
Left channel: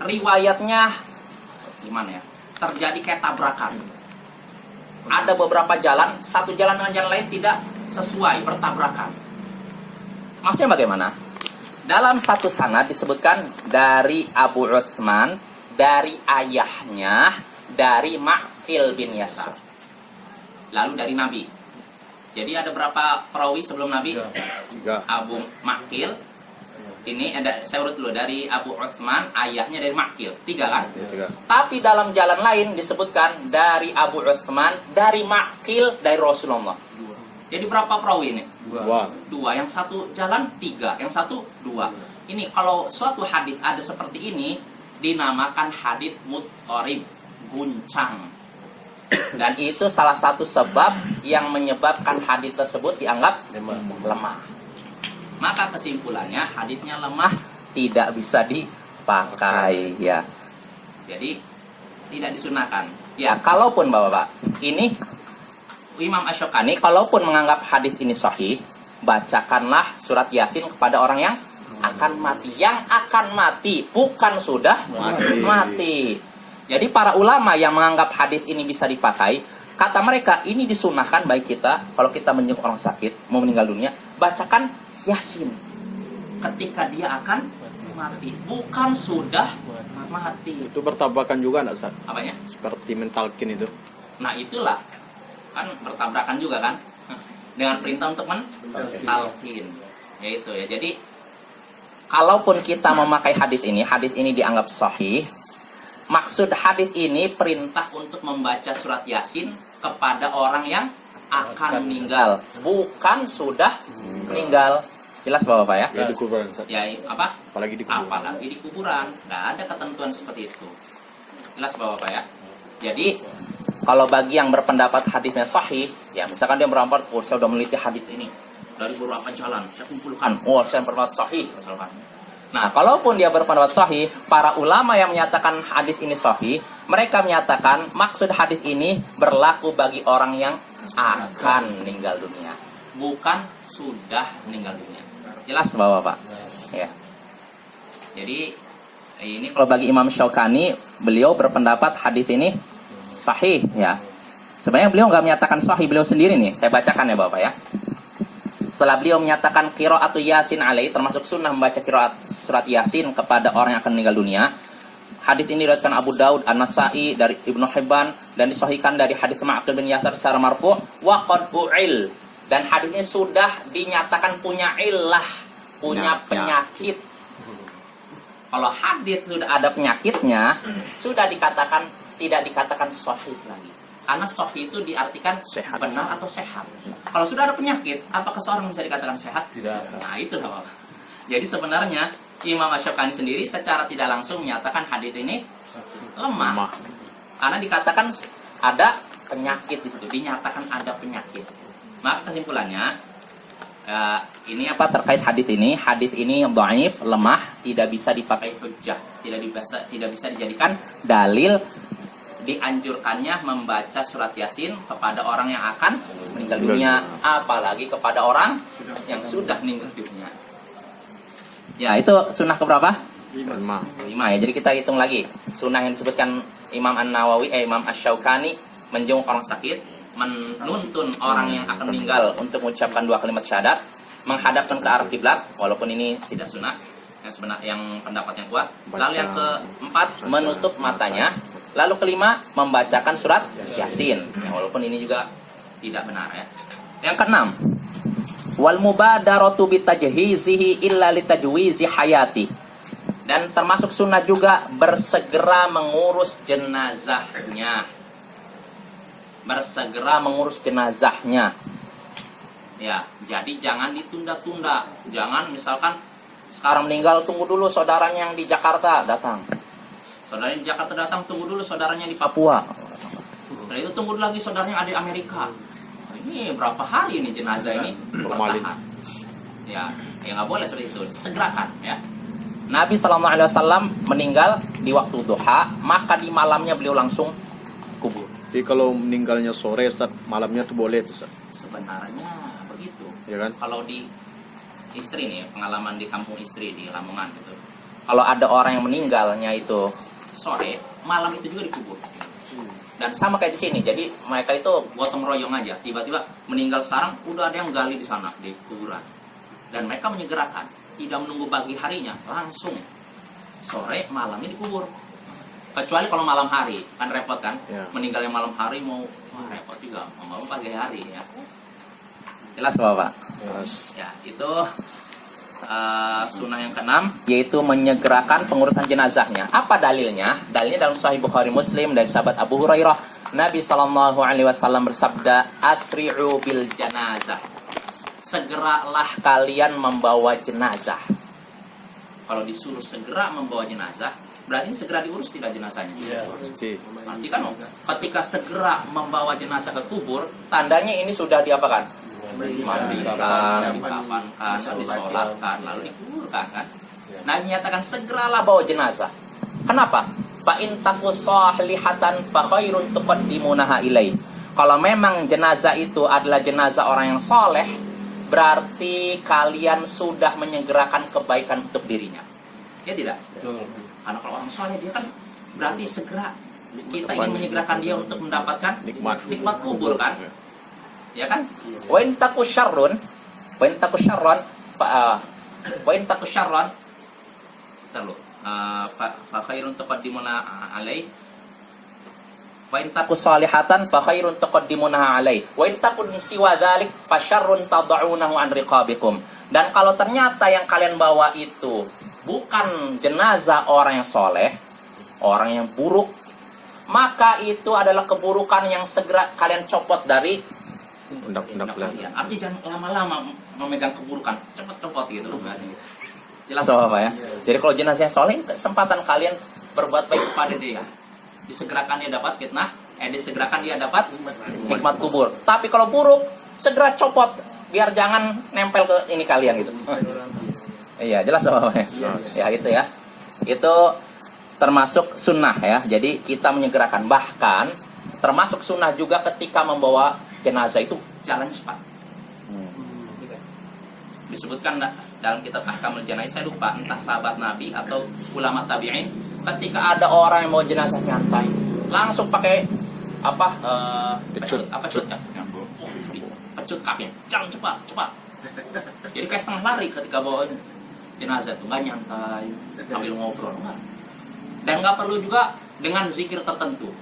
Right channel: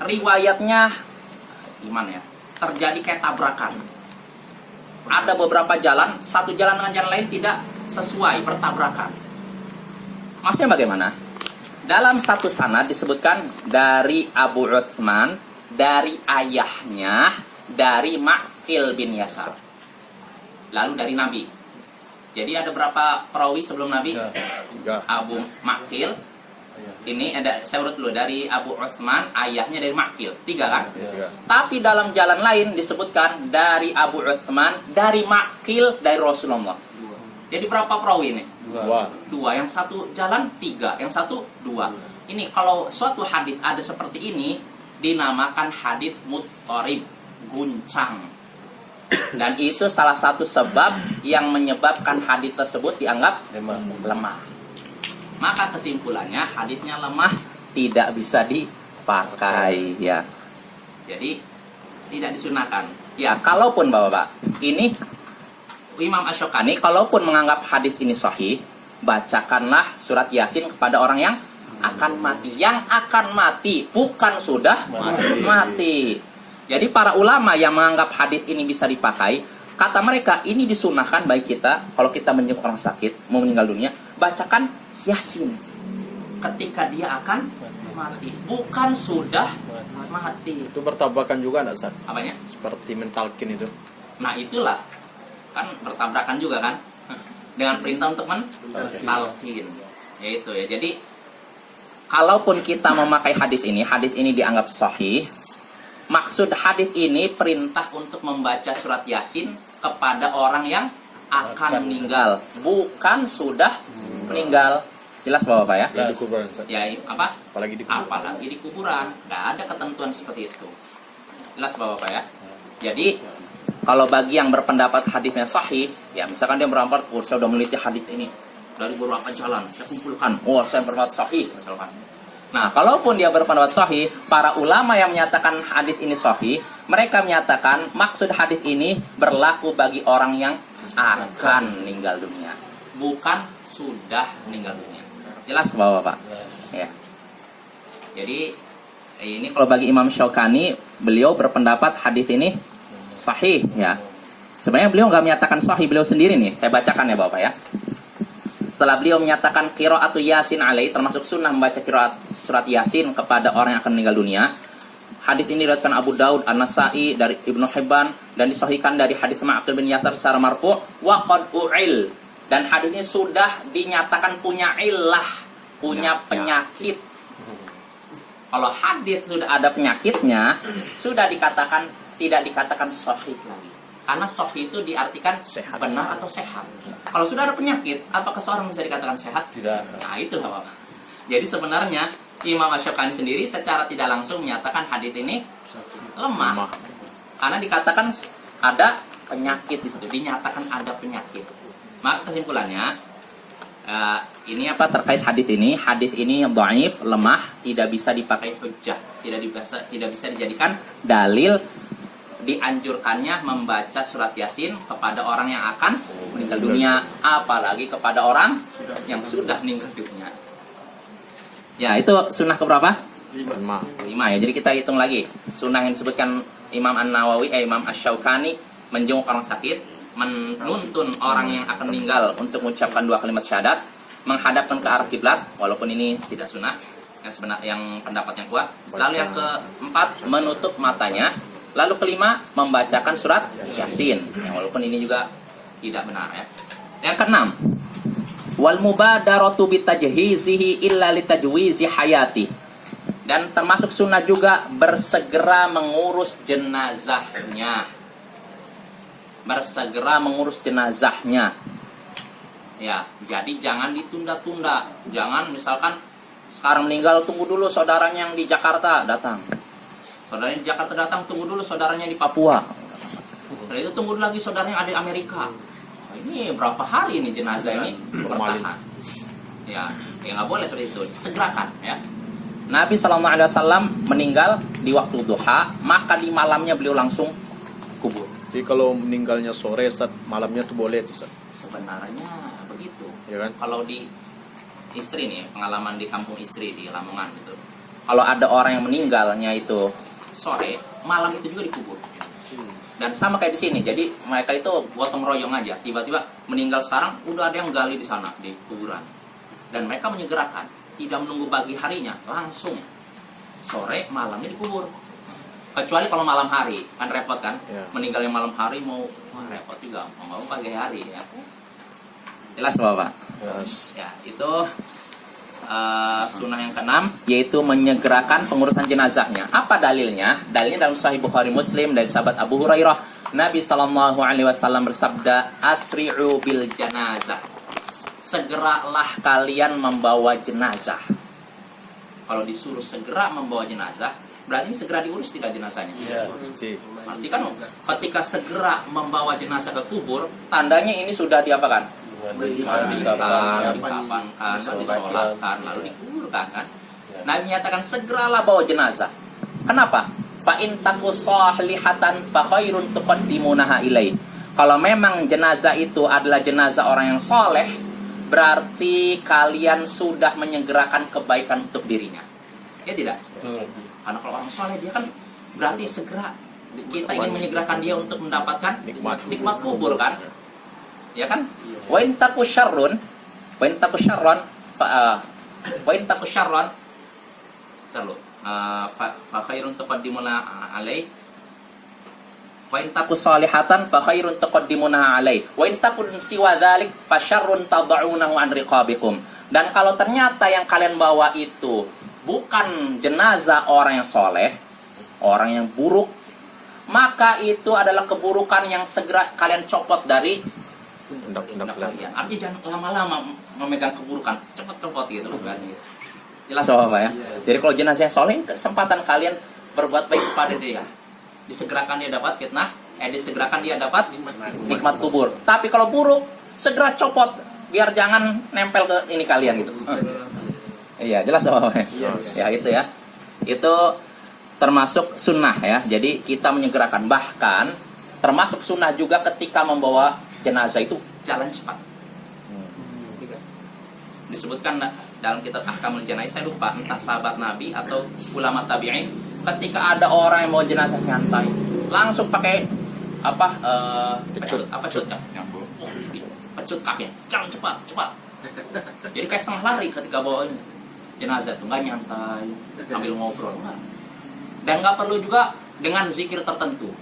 Riwayatnya gimana ya? Terjadi kayak tabrakan. Ada beberapa jalan, satu jalan dengan jalan lain tidak sesuai, bertabrakan. Maksudnya bagaimana? Dalam satu sanad disebutkan dari Abu Uthman, dari ayahnya, dari Ma'qil bin Yasar, lalu dari Nabi. Jadi ada berapa perawi sebelum Nabi? Abu Ma'qil, ini ada, saya urut dulu, dari Abu Uthman, ayahnya dari Ma'qil, 3 kan? Tapi dalam jalan lain disebutkan dari Abu Uthman, dari Ma'qil, dari Rasulullah. Jadi berapa perawi ini? 2. Yang satu jalan 3, yang satu 2. Ini kalau suatu hadis ada seperti ini, dinamakan hadis muttarib, guncang. Dan itu salah satu sebab yang menyebabkan hadis tersebut dianggap lemah. Maka kesimpulannya hadisnya lemah, tidak bisa dipakai, ya. Jadi tidak disunahkan. Ya, kalaupun Bapak-bapak, ini Imam Asy-Syaukani kalaupun menganggap hadis ini sahih, bacakanlah surat Yasin kepada orang yang akan mati. Yang akan mati, bukan sudah mati. Jadi para ulama yang menganggap hadis ini bisa dipakai, kata mereka ini disunahkan bagi kita kalau kita menjenguk orang sakit mau meninggal dunia, bacakan Yasin ketika dia akan mati, bukan sudah mati. Itu bertabrakan juga enggak, Ustaz? Apanya? Seperti mentalkin itu. Nah, itulah kan bertabrakan juga kan dengan perintah untuk mentalkin. Yaitu ya. Jadi kalaupun kita memakai hadis ini dianggap sahih. Maksud hadis ini perintah untuk membaca surat Yasin kepada orang yang akan meninggal, bukan sudah meninggal. Jelas Bapak ya? Di kuburan, Ustaz. Ya, apa? Apalagi di kuburan. Apalagi di kuburan. Nggak ada ketentuan seperti itu. Jelas Bapak ya? Jadi kalau bagi yang berpendapat hadisnya sahih, ya misalkan dia berpendapat, saya sudah meneliti hadis ini dari beberapa jalan, saya kumpulkan, saya berpendapat sahih, misalkan. Nah, kalaupun dia berpendapat sahih, para ulama yang menyatakan hadis ini sahih, mereka menyatakan maksud hadis ini berlaku bagi orang yang akan meninggal dunia, bukan sudah meninggal dunia. Jelas Bapak-bapak? Ya. Jadi ini kalau bagi Imam Syaukani, beliau berpendapat hadis ini sahih, ya. Sebenarnya beliau nggak menyatakan sahih, beliau sendiri nih. Saya bacakan ya Bapak ya. Setelah beliau menyatakan qiraatu Yasin alaihi, termasuk sunnah membaca qiraat surat Yasin kepada orang yang akan meninggal dunia. Hadis ini diriwayatkan Abu Daud, An-Nasai dari Ibnu Hibban dan disahihkan dari hadis Ma'qil bin Yasar secara marfu' wa qad u'il. Dan hadis ini sudah dinyatakan punya illah, punya penyakit. Kalau hadis sudah ada penyakitnya, sudah dikatakan tidak dikatakan sahih lagi. Karena sahih itu diartikan Sehat. benar atau sehat. Kalau sudah ada penyakit, apakah seorang bisa dikatakan sehat? Tidak. Nah, itu Bapak. Jadi sebenarnya Imam Asy-Syaukani sendiri secara tidak langsung menyatakan hadis ini lemah. Karena dikatakan ada penyakit itu, dinyatakan ada penyakit. Maka kesimpulannya ini apa terkait hadis ini? Hadis ini dhaif, lemah, tidak bisa dipakai hujjah, tidak bisa dijadikan dalil dianjurkannya membaca surat Yasin kepada orang yang akan meninggal dunia, apalagi kepada orang yang sudah meninggal dunia. Ya, itu sunnah keberapa? 5 ya. Jadi kita hitung lagi. Sunnah yang disebutkan Imam An-Nawawi, Imam Asy-Syaukani menjenguk orang sakit, menuntun orang yang akan meninggal untuk mengucapkan 2 kalimat syahadat, menghadapkan ke arah kiblat, walaupun ini tidak sunnah, yang pendapat yang kuat. Lalu yang keempat, menutup matanya. Lalu kelima, membacakan surat Yasin, walaupun ini juga tidak benar ya. Yang keenam, wal mubadaratu bitajhizihi illa litajwizi hayati. Dan termasuk sunnah juga bersegera mengurus jenazahnya. Bersegera mengurus jenazahnya. Ya, jadi jangan ditunda-tunda. Jangan misalkan sekarang meninggal, tunggu dulu saudaranya yang di Jakarta datang. Saudaranya di Jakarta datang, tunggu dulu saudaranya di Papua. Setelah itu tunggu dulu lagi saudaranya ada di Amerika. Ini berapa hari ini jenazah ini bertahan? Ya nggak boleh seperti itu. Segerakan ya. Nabi SAW meninggal di waktu duha, maka di malamnya beliau langsung kubur. Jadi kalau meninggalnya sore, Ustaz, malamnya tuh boleh tuh, Ustaz. Sebenarnya begitu. Ya kan? Kalau di istri nih, pengalaman di kampung istri di Lamongan gitu. Kalau ada orang yang meninggalnya itu sore, malam itu juga dikubur. Dan sama kayak di sini. Jadi mereka itu gotong royong aja. Tiba-tiba meninggal sekarang, udah ada yang gali di sana di kuburan. Dan mereka menyegerakan, tidak menunggu pagi harinya, langsung sore malamnya dikubur. Kecuali kalau malam hari, kan repot kan? Ya. Meninggalnya malam hari repot juga. Mau pagi hari ya. Jelas Bapak? Yes. Ya, itu sunnah yang keenam, yaitu menyegerakan pengurusan jenazahnya. Apa dalilnya? Dalilnya dalam Sahih Bukhari Muslim dari sahabat Abu Hurairah. Nabi SAW bersabda, asri'u bil janazah. Segeralah kalian membawa jenazah. Kalau disuruh segera membawa jenazah, berarti ini segera diurus tidak jenazahnya? Pasti. Berarti kan ketika segera membawa jenazah ke kubur, tandanya ini sudah diapakan? Dimandikan, dikafankan, disolatkan, lalu dikuburkan kan? Nabi menyatakan segeralah bawa jenazah. Kenapa? Fa in taku salihatan fa khairun tuqaddimunaha ilai. Kalau memang jenazah itu adalah jenazah orang yang soleh, berarti kalian sudah menyegerakan kebaikan untuk dirinya. Ya tidak? Karena kalau orang soleh dia kan berarti segera kita ingin menyegerakan dia untuk mendapatkan nikmat kubur kan? Ya kan? Wa in taku syarrun fa khairun tuqaddimuna alai. Wa in taku salihatan fa khairun tuqaddimuna alai. Wa in takun siwa dzalik fa syarrun tad'unahu an riqabikum. Dan kalau ternyata yang kalian bawa itu bukan jenazah orang yang soleh, orang yang buruk, maka itu adalah keburukan yang segera kalian copot dari pundak kalian. Artinya jangan lama-lama memegang keburukan, cepat copot gitu loh kan. Jelas Bapak ya. Jadi kalau jenazah yang soleh, kesempatan kalian berbuat baik kepada dia. Disegerakan dia dapat fitnah, disegerakan dia dapat nikmat kubur. Tapi kalau buruk, segera copot biar jangan nempel ke ini kalian gitu. Iya, jelas Bapak ya. Ya itu ya. Itu termasuk sunnah ya. Jadi kita menyegerakan, bahkan termasuk sunnah juga ketika membawa jenazah itu jalan cepat. Disebutkan dalam kitab Ahkamul Janaiz, saya lupa entah sahabat Nabi atau ulama tabi'in, ketika ada orang yang mau jenazah nyantai, langsung pakai pecut kan? Pecut kaki, jangan cepat. Jadi kayak setengah lari ketika bawa ini. jenazah tuh nggak nyantai ambil ngobrol, enggak. Dan nggak perlu juga dengan zikir tertentu,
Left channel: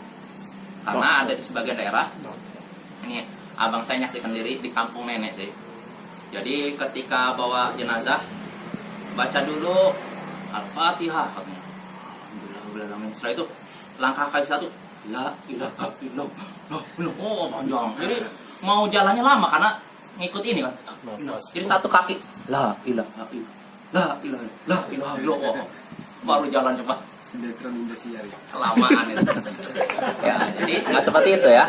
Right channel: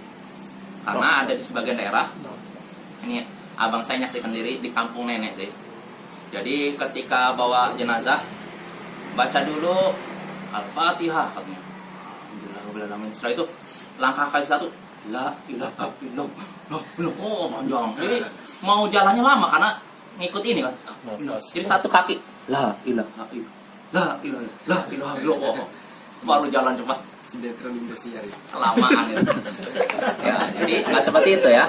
karena ada di sebagian daerah ini abang saya nyaksikan diri di kampung nenek sih. Jadi ketika bawa jenazah baca dulu Al-Fatihah katanya. Alhamdulillah. Setelah itu langkah kaki satu, la ilaha illallah. Oh panjang. Jadi mau jalannya lama karena ngikut ini kan. Jadi satu kaki, la ilaha illallah, la ilaha illallah. Baru jalan cepat. Kelamaan itu. Ya, jadi nggak seperti itu ya.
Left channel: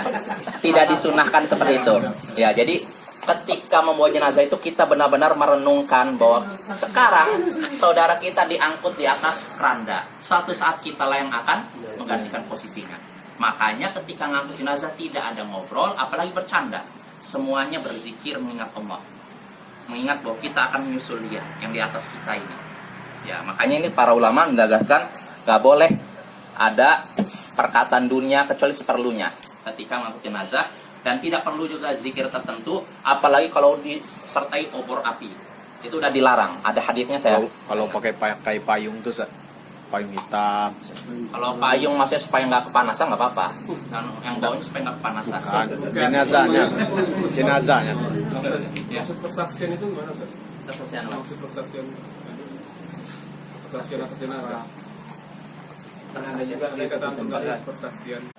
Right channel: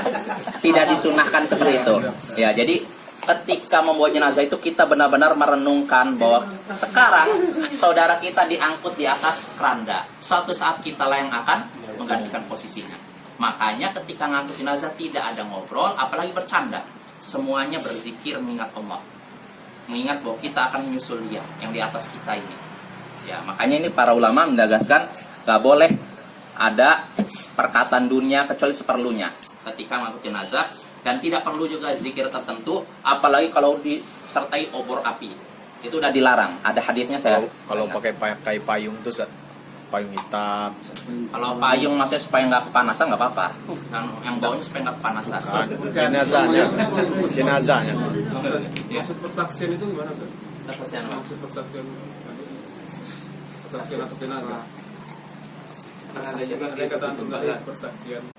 Tidak disunahkan seperti itu. Ya, jadi ketika membawa jenazah itu kita benar-benar merenungkan bahwa sekarang saudara kita diangkut di atas keranda. Suatu saat kita lah yang akan menggantikan posisinya. Makanya ketika ngangkut jenazah tidak ada ngobrol, apalagi bercanda. Semuanya berzikir mengingat Allah. Mengingat bahwa kita akan menyusul dia yang di atas kita ini. Ya, makanya ini para ulama mendagaskan gak boleh ada perkataan dunia kecuali seperlunya ketika mengangkut jenazah, dan tidak perlu juga zikir tertentu, apalagi kalau disertai obor api. Itu udah dilarang. Ada hadisnya saya. Kalau pakai payung tuh payung hitam. Kalau payung maksudnya supaya nggak kepanasan nggak apa-apa. Dan yang bawahnya supaya nggak kepanasan. Jenazahnya. Ya. Maksud persaksian itu gimana, Ustaz? Persaksian apa? Maksud persaksian atas jenazah. Ada juga kata tunggal persaksian.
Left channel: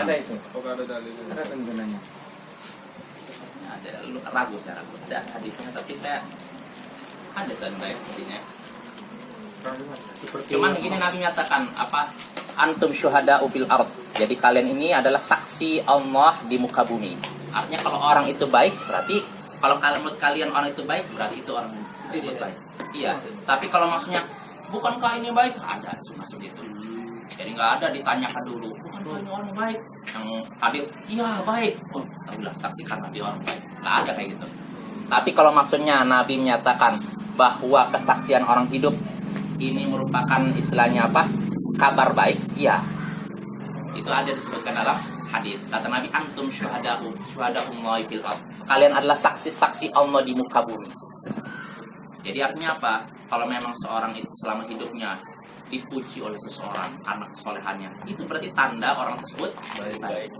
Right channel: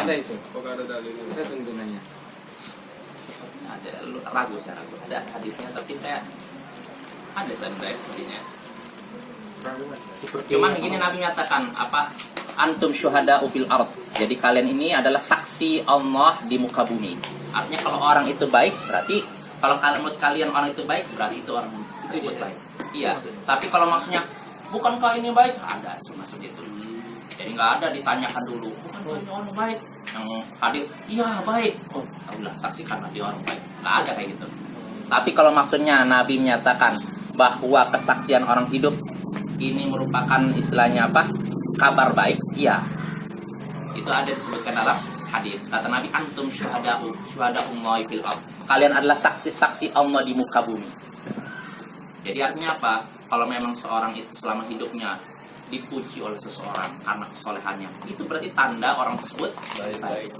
Ada itu. Apakah ada dalilnya? Ada tuntunannya. Sepertinya ada, ragu saya ragu. Ada hadisnya tapi saya ada sebenarnya sepertinya. Cuman begini Nabi menyatakan apa? Antum syuhada fil ard. Jadi kalian ini adalah saksi Allah di muka bumi. Artinya kalau orang itu baik berarti, kalau menurut kalian orang itu baik berarti itu orang tersebut baik. Iya. Tapi kalau maksudnya bukankah ini baik? Ada sunnah seperti itu. Jadi nggak ada ditanyakan dulu, bukankah ini orang baik? Yang hadir, iya baik. Oh, tahulah saksikan Nabi orang baik. Nggak ada kayak gitu. Tapi kalau maksudnya Nabi menyatakan bahwa kesaksian orang hidup ini merupakan istilahnya apa? Kabar baik, iya. Itu ada disebutkan dalam hadis. Kata Nabi, antum syuhada'ullahi fil ard. Kalian adalah saksi-saksi Allah di muka bumi. Jadi artinya apa? Kalau memang seorang itu selama hidupnya dipuji oleh seseorang karena kesolehannya, itu berarti tanda orang tersebut baik.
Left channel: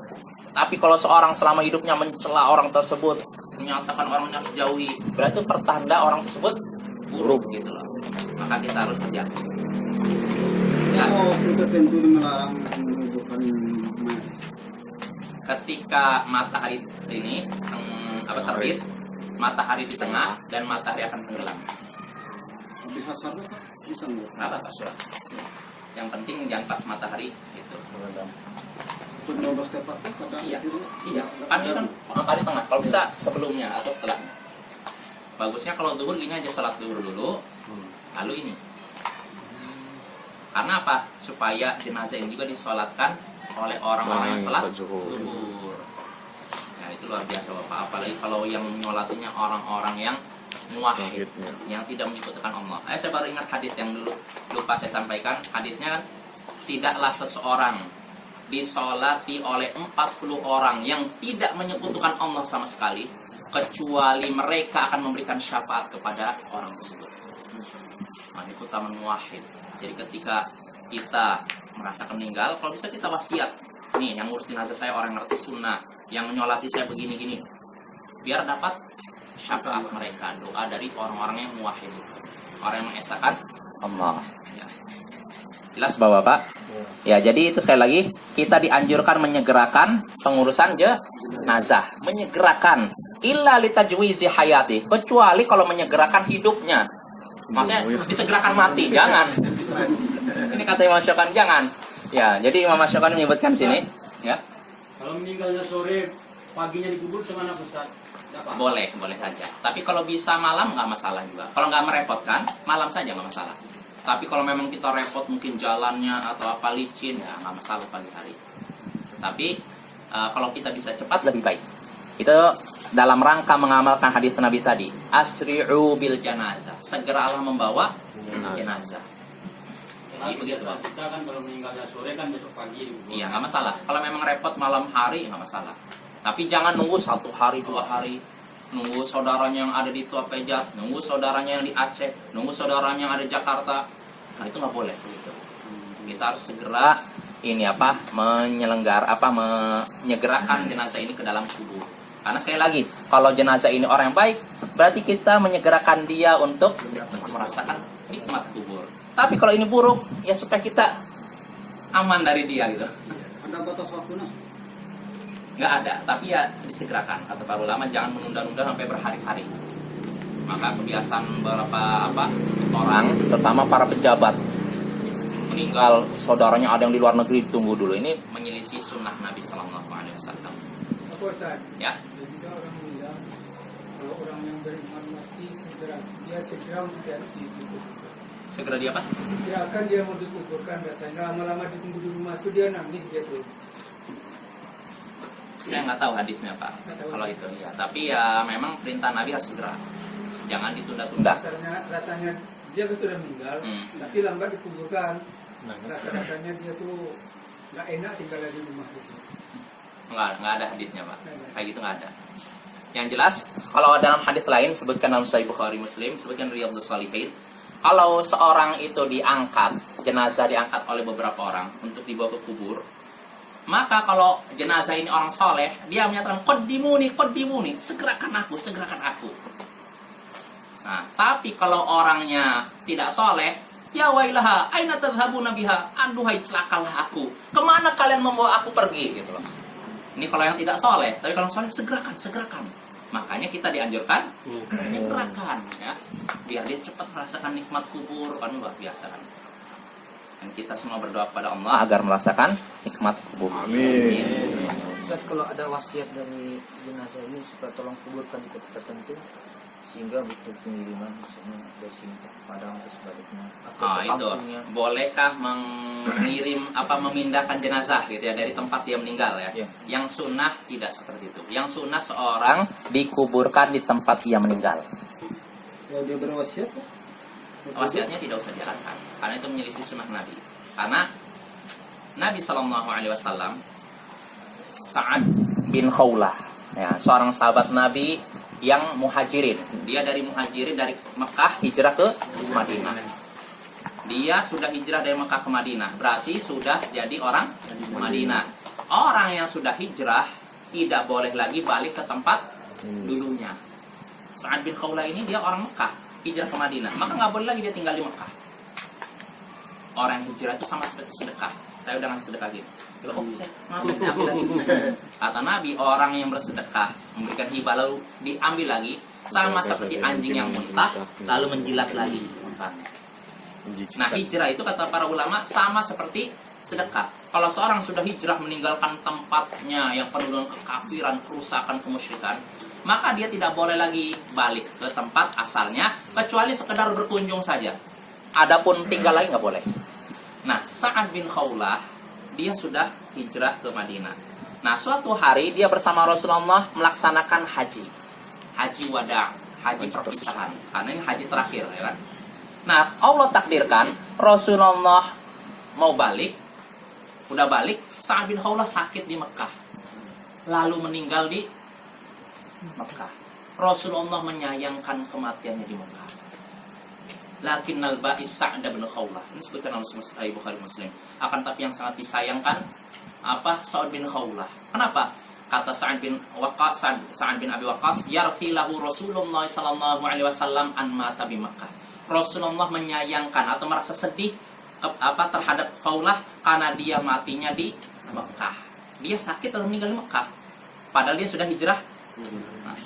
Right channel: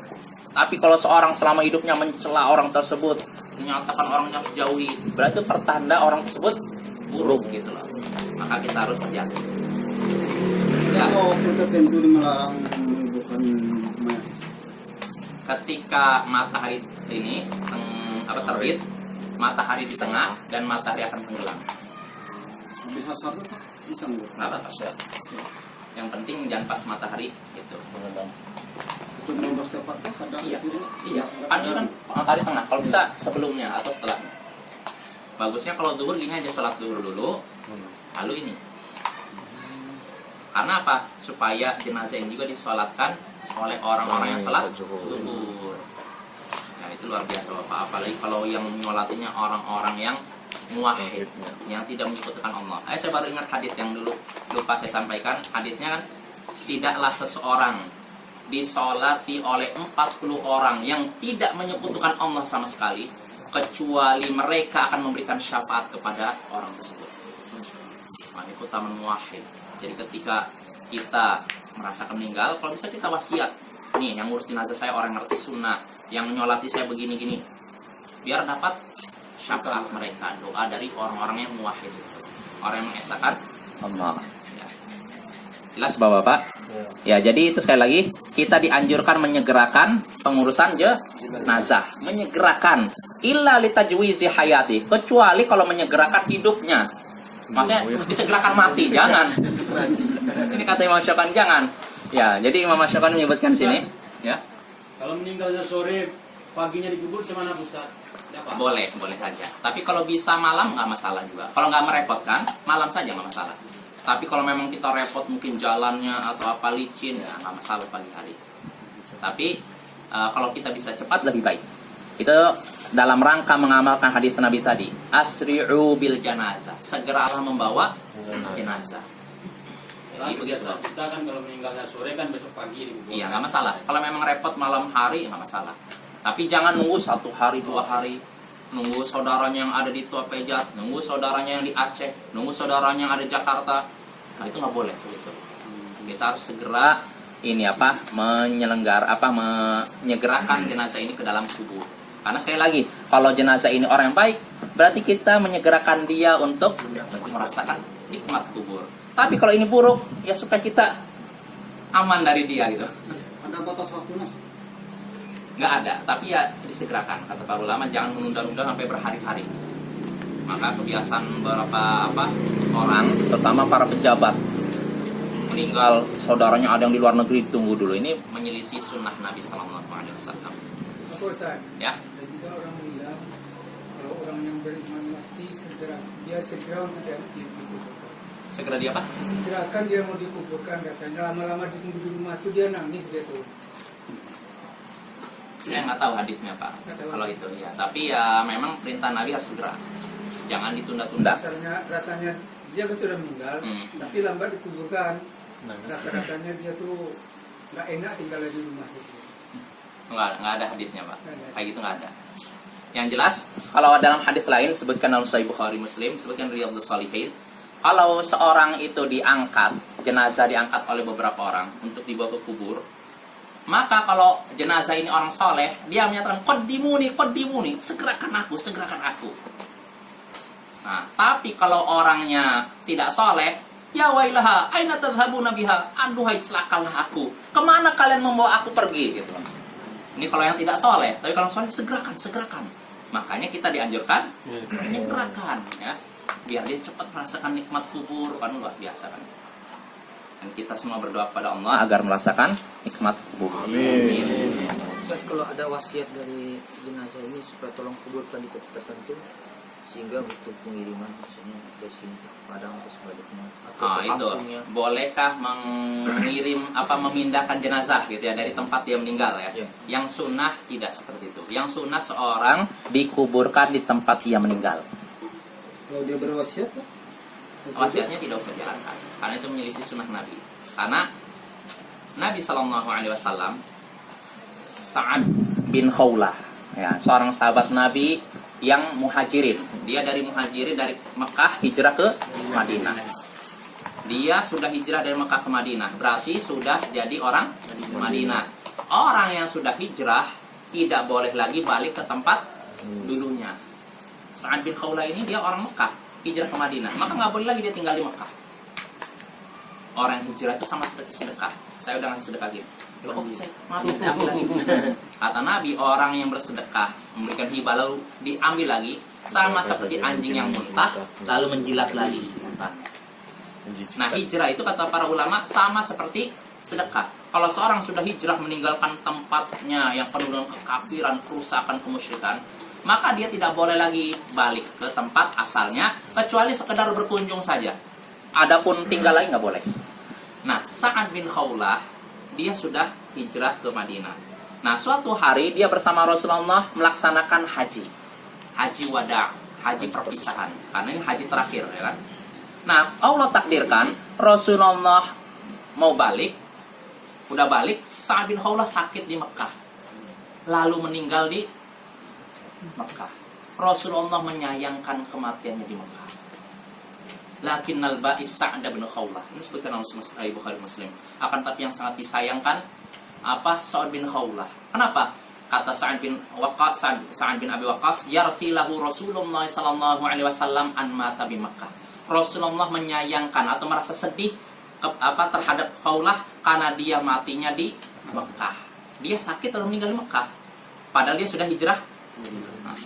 Tapi kalau seorang selama hidupnya mencela orang tersebut, menyatakan orangnya harus jauhi, berarti pertanda orang tersebut buruk gitu loh. Maka kita harus hati-hati. Ya. Kalau tertentu melarang menghidupkan mayat. Ketika matahari ini terbit, matahari di tengah dan matahari akan tenggelam. Bisa satu tak? Bisa enggak? Nggak apa-apa. Yang penting jangan pas matahari itu. Untuk 12 tepat tuh kadang Iya. Kan ini kan matahari tengah. Kalau bisa sebelumnya atau setelahnya. Bagusnya kalau zuhur gini aja, sholat zuhur dulu, lalu ini. Karena apa? Supaya jenazah ini juga disolatkan oleh orang-orang yang sholat zuhur. Nah itu luar biasa Bapak. Apalagi kalau yang nyolatinya orang-orang yang muwahhid, yang tidak menyekutukan Allah. Saya baru ingat hadis yang dulu lupa saya sampaikan. Hadisnya kan, tidaklah seseorang disolati oleh 40 orang yang tidak menyekutukan Allah sama sekali, kecuali mereka akan memberikan syafaat kepada orang tersebut. Keutamaan muwahhid. Jadi ketika kita merasakan meninggal, kalau bisa kita wasiat. Nih, yang ngurus jenazah saya orang ngerti sunnah, yang menyolati saya begini-gini, biar dapat syafaat mereka, doa dari orang-orang yang muwahhid itu, orang yang mengesahkan Allah. Ya. Jelas Bapak? Ya, jadi itu sekali lagi kita dianjurkan menyegerakan pengurusan jenazah, menyegerakan illa litajwizi hayati, kecuali kalau menyegerakan hidupnya. Maksudnya disegerakan mati, jangan. Ini kata Imam Syafi'i, jangan. Ya, jadi Imam Syafi'i menyebutkan sini, ya. Kalau meninggalnya sore, paginya dikubur kemana Ustaz? Boleh saja. Tapi kalau bisa malam nggak masalah juga. Kalau nggak merepotkan, malam saja nggak masalah. Tapi kalau memang kita repot mungkin jalannya atau apa licin, ya nggak masalah pagi hari. Tapi kalau kita bisa cepat lebih baik. Itu dalam rangka mengamalkan hadits Nabi tadi. Asri'u bil janazah. Segeralah membawa jenazah. Jadi begitu. Kita kan kalau meninggalnya sore kan besok pagi dikubur. Iya nggak masalah. Kalau memang repot malam hari nggak masalah. Tapi jangan nunggu 1 hari 2 hari. nunggu saudaranya yang ada di Tua Pejat, nunggu saudaranya yang di Aceh, nunggu saudaranya yang ada di Jakarta. Nah, itu nggak boleh seperti itu. Kita harus segera menyegerakan jenazah ini ke dalam kubur. Karena sekali lagi, kalau jenazah ini orang yang baik, berarti kita menyegerakan dia untuk merasakan nikmat kubur. Tapi kalau ini buruk, ya supaya kita aman dari dia gitu. Ada batas waktunya? Nggak ada, tapi ya disegerakan. Kata para ulama, jangan menunda-nunda sampai berhari-hari. Maka kebiasaan beberapa orang, terutama para pejabat, meninggal saudaranya ada yang di luar negeri, tunggu dulu. Ini menyelisih sunnah Nabi Sallallahu Alaihi Wasallam. Apa Ustaz? Ya, Jika orang bilang kalau orang yang beriman mati segera mau dikuburkan. segera dia apa? Segerakan dia mau dikuburkan, rasanya lama-lama ditunggu di rumah itu dia nangis gitu. Saya nggak tahu hadisnya Pak. Kalau itu ya, tapi ya memang perintah Nabi harus segera, jangan ditunda-tunda. Rasanya dia kan sudah meninggal, tapi lambat dikuburkan. Rasanya dia tuh nggak enak tinggal di rumah itu. Nggak ada hadisnya Pak. Kayak gitu nggak ada. Yang jelas, kalau dalam hadis lain sebutkan dalam Sahih Bukhari Muslim, sebutkan Riyadhus Shalihin, kalau seorang itu diangkat, jenazah diangkat oleh beberapa orang untuk dibawa ke kubur, maka kalau jenazah ini orang soleh, dia menyatakan qaddimuni, segerakan aku. Nah, tapi kalau orangnya tidak soleh, ya wailaha, aina tadhhabuna biha, aduhai celakalah aku, kemana kalian membawa aku pergi, gitu loh. Ini kalau yang tidak soleh, tapi kalau soleh segerakan. Makanya kita dianjurkan menyegerakan, ya, biar dia cepat merasakan nikmat kubur, kan luar biasa kan. Dan kita semua berdoa kepada Allah agar merasakan nikmat kubur. Amin. Ustaz, kalau ada wasiat dari jenazah ini supaya tolong kuburkan di tempat tertentu sehingga butuh pengiriman misalnya dari sini ke Padang atau sebaliknya. Itu bolehkah memindahkan jenazah gitu ya dari tempat dia meninggal ya? Ya. Yang sunnah tidak seperti itu. Yang sunnah seorang dikuburkan di tempat dia meninggal. Kalau dia berwasiat ya? Wasiatnya tidak usah jalankan karena itu menyelisih sunnah Nabi. Karena Nabi Sallallahu Alaihi Wasallam, Sa'ad bin Khawlah, ya, seorang sahabat Nabi yang muhajirin. Dia dari muhajirin dari Mekah hijrah ke Madinah. Dia sudah hijrah dari Mekah ke Madinah, berarti sudah jadi orang Madinah. Orang yang sudah hijrah tidak boleh lagi balik ke tempat dulunya. Sa'ad bin Khawlah ini dia orang Mekah, hijrah ke Madinah, maka nggak boleh lagi dia tinggal di Mekah. Orang hijrah itu sama seperti sedekah. Saya udah ngasih sedekah gitu. Maaf, saya ambil lagi. Kata Nabi, orang yang bersedekah memberikan hibah lalu diambil lagi, sama seperti anjing yang muntah lalu menjilat lagi muntahnya. Nah, hijrah itu kata para ulama sama seperti sedekah. Kalau seorang sudah hijrah meninggalkan tempatnya yang penuh dengan kekafiran, kerusakan, kemusyrikan, maka dia tidak boleh lagi balik ke tempat asalnya kecuali sekedar berkunjung saja. Adapun tinggal lagi nggak boleh. Nah, Sa'ad bin Khawlah dia sudah hijrah ke Madinah. Nah, suatu hari dia bersama Rasulullah melaksanakan haji wada, haji perpisahan. Karena ini haji terakhir, ya kan? Nah, Allah takdirkan Rasulullah mau balik, udah balik, Sa'ad bin Khawlah sakit di Mekah, lalu meninggal di Mekah. Rasulullah menyayangkan kematiannya di Mekah. Lakinnal ba'is Sa'ad bin Khawlah, ini sebutkan dalam Sahih Bukhari Muslim. Akan tapi yang sangat disayangkan Sa'ad bin Khawlah. Kenapa? Kata Sa'ad bin Abi Waqqas, yartilahu Rasulullah sallallahu alaihi wasallam an mata bi Makkah. Rasulullah menyayangkan atau merasa sedih terhadap Khawlah karena dia matinya di Mekah. Dia sakit lalu meninggal di Mekah. Padahal dia sudah hijrah. Nah,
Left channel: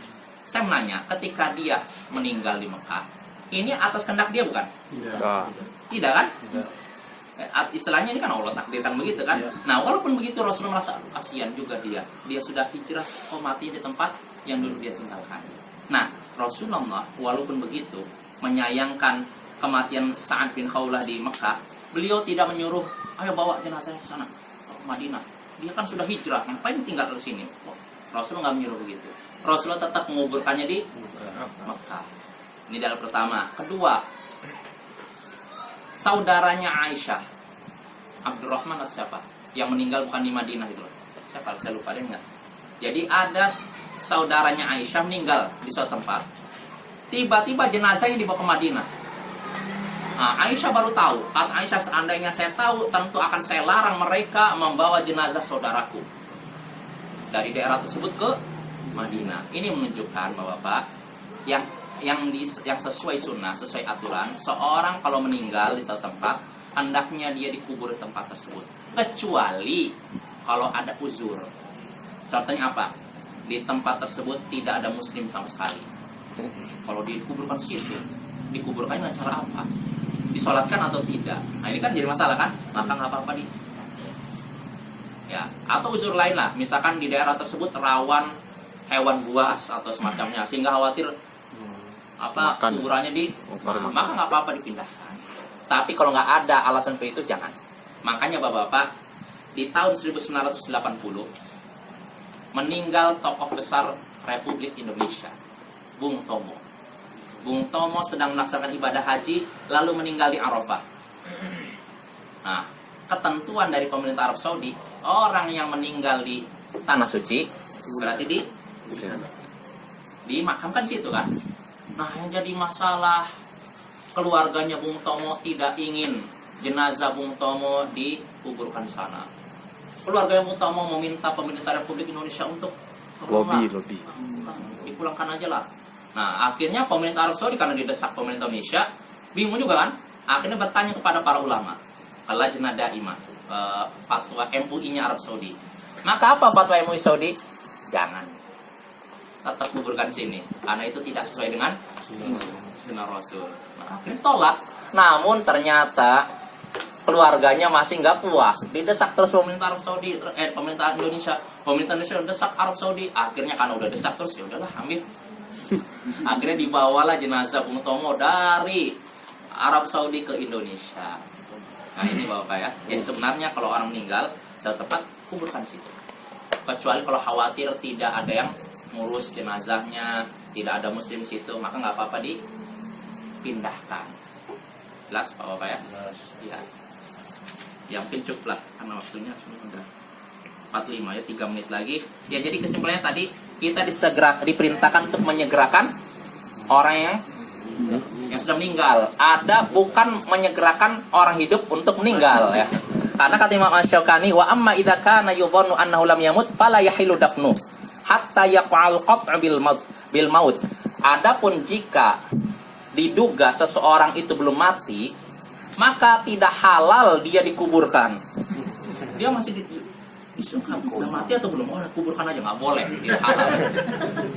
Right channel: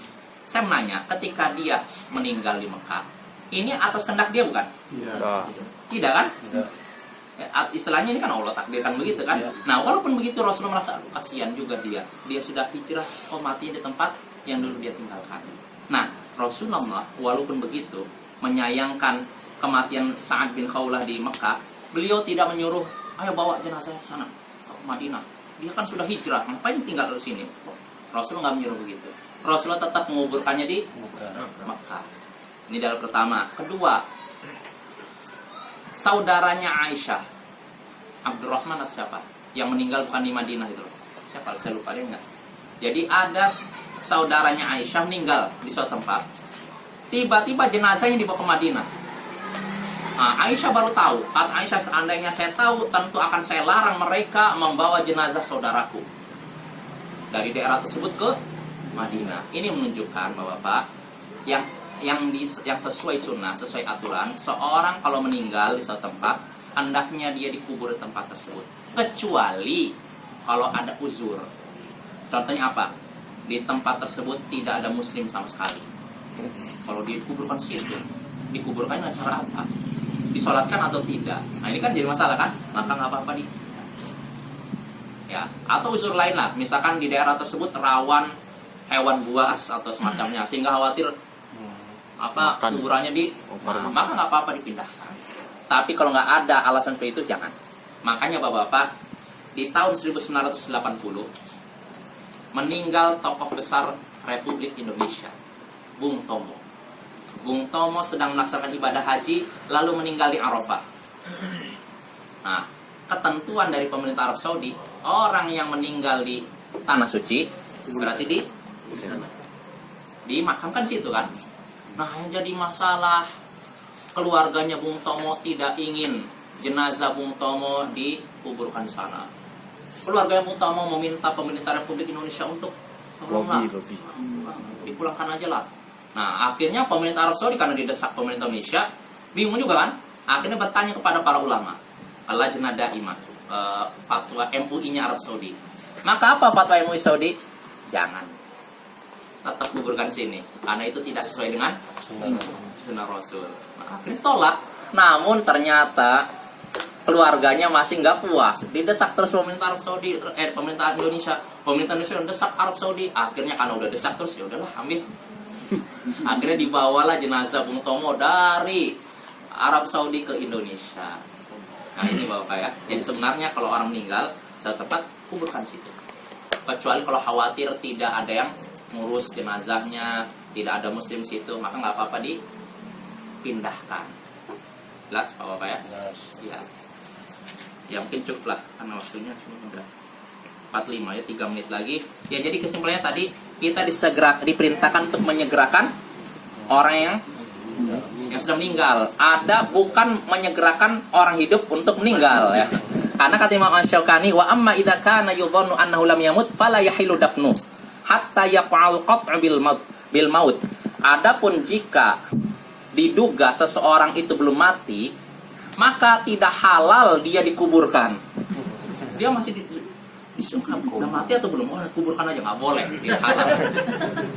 saya menanya, ketika dia meninggal di Mekah, ini atas kehendak dia bukan? Tidak kan? Istilahnya ini kan Allah takdirkan begitu kan? Nah, walaupun begitu Rasulullah merasa kasihan juga dia. Dia sudah hijrah, mati di tempat yang dulu dia tinggalkan. Nah, Rasulullah walaupun begitu menyayangkan kematian Sa'ad bin Khawlah di Mekah, beliau tidak menyuruh, ayo bawa jenazahnya ke sana, ke Madinah. Dia kan sudah hijrah, ngapain tinggal di sini? Rasulullah nggak menyuruh begitu. Rasulullah tetap menguburkannya di Mekah. Ini dalil pertama. Kedua, saudaranya Aisyah, Abdurrahman atau siapa, yang meninggal bukan di Madinah itu loh. Siapa? Saya lupa, dia ingat. Jadi ada saudaranya Aisyah meninggal di suatu tempat. Tiba-tiba jenazahnya dibawa ke Madinah. Nah, Aisyah baru tahu. Kata Aisyah, seandainya saya tahu, tentu akan saya larang mereka membawa jenazah saudaraku dari daerah tersebut ke Madinah. Ini menunjukkan bahwa Pak, yang sesuai sunnah, sesuai aturan, seorang kalau meninggal di suatu tempat, hendaknya dia dikubur di tempat tersebut. Kecuali kalau ada uzur. Contohnya apa? Di tempat tersebut tidak ada muslim sama sekali. Kalau dikuburkan situ, dikuburkan dengan cara apa? Disolatkan atau tidak? Nah ini kan jadi masalah kan? Maka nggak apa-apa di. Ya, atau uzur lain lah. Misalkan di daerah tersebut rawan hewan buas atau semacamnya, sehingga khawatir Makan. kuburannya maka nggak apa-apa dipindahkan. Tapi kalau nggak ada alasan seperti itu jangan. Makanya bapak-bapak, di tahun 1980 meninggal tokoh besar Republik Indonesia, Bung Tomo. Bung Tomo sedang melaksanakan ibadah haji, lalu meninggal di Arafah. Nah, ketentuan dari pemerintah Arab Saudi, orang yang meninggal di tanah suci berarti dimakamkan situ kan. Nah, yang jadi masalah, keluarganya Bung Tomo tidak ingin jenazah Bung Tomo dikuburkan di sana. Keluarga Bung Tomo meminta pemerintah Republik Indonesia untuk tolonglah, lobby. dipulangkan aja lah. Nah, akhirnya pemerintah Arab Saudi karena didesak pemerintah Indonesia, bingung juga kan? Akhirnya bertanya kepada para ulama, Lajnah Daimah, fatwa MUI-nya Arab Saudi. Maka apa fatwa MUI Saudi? Jangan, tetap kuburkan sini, karena itu tidak sesuai dengan sunnah Rasul. Nah, akhirnya tolak. Namun ternyata keluarganya masih nggak puas, didesak terus pemerintah Arab Saudi, pemerintah Indonesia desak Arab Saudi. Akhirnya karena udah desak terus, ya udahlah ambil. Akhirnya dibawalah jenazah Bung Tomo dari Arab Saudi ke Indonesia. Nah ini bapak ya. Jadi sebenarnya kalau orang meninggal satu tempat, kuburkan situ. Kecuali kalau khawatir tidak ada yang ngurus jenazahnya, tidak ada muslim situ, maka nggak apa-apa dipindahkan. Jelas bapak ya? Ya. Ya mungkin cukup lah karena waktunya sudah 45 ya, 3 menit lagi. Ya jadi kesimpulannya tadi kita diperintahkan untuk menyegerakan orang yang sudah meninggal. Ada bukan menyegerakan orang hidup untuk meninggal ya. Karena kata Imam Asy-Syaukani, wa amma idza kana yudhannu annahu lam yamut fala yahilu dafnu hatta yaqa'al qat'u bil maut. Adapun jika diduga seseorang itu belum mati, maka tidak halal dia dikuburkan. Dia masih disungkan udah mati atau belum, kuburkan aja, nggak boleh, tidak halal.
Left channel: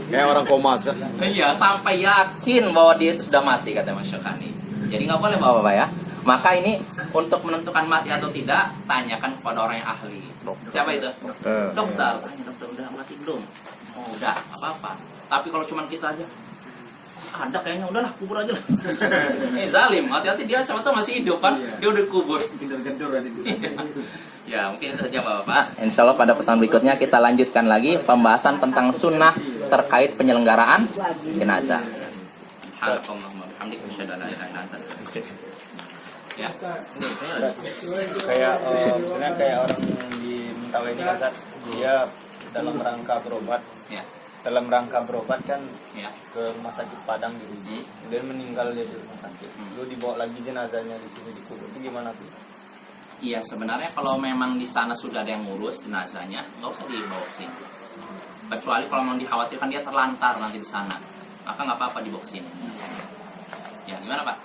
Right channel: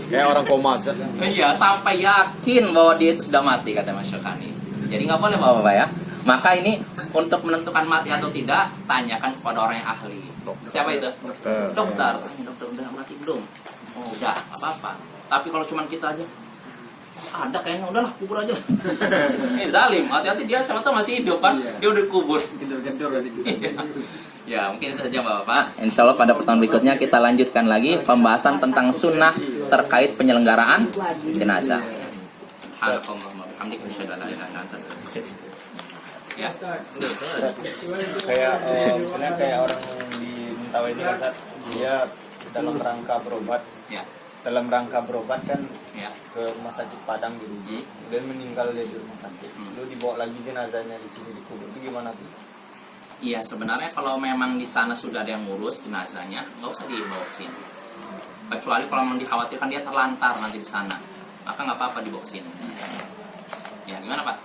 Ya orang koma. Iya, sampai yakin bahwa dia itu sudah mati, kata Mas Syakani. Jadi nggak boleh bapak-bapak ya. Maka ini untuk menentukan mati atau tidak, tanyakan kepada orang yang ahli. Siapa itu? Dokter. Tanya dokter, udah mati belum? Oh udah, nggak apa-apa. Tapi kalau cuma kita aja, ada kayaknya, udahlah kubur aja lah. Ini zalim, hati-hati dia sama tuh masih hidup kan, dia udah kubur. Ya mungkin itu saja bapak-bapak. Insya Allah pada pertemuan berikutnya kita lanjutkan lagi pembahasan tentang sunnah terkait penyelenggaraan jenazah. Subhanallahumma bihamdika asyhadu an la ilaha illa anta astaghfiruka. Ya. Kayak misalnya kayak orang di Mentawai ini kata dia dalam rangka berobat. Ya. Dalam rangka berobat kan Ya. ke rumah sakit Padang gitu. Dan meninggal di rumah sakit. Lalu dibawa lagi jenazahnya di sini dikubur. Itu gimana tuh? Iya, sebenarnya kalau memang di sana sudah ada yang ngurus jenazahnya, nggak usah dibawa ke sini. Kecuali kalau memang dikhawatirkan dia terlantar nanti di sana, maka nggak apa-apa dibawa ke sini. Ya, gimana Pak?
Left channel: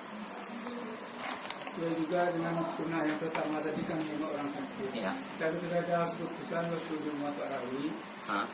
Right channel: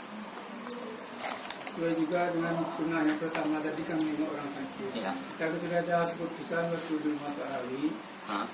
Sesuai juga dengan sunnah yang pertama tadi kan menengok orang sakit. Iya. Kalau sudah ada keputusan waktu di rumah Pak Ali, Hah?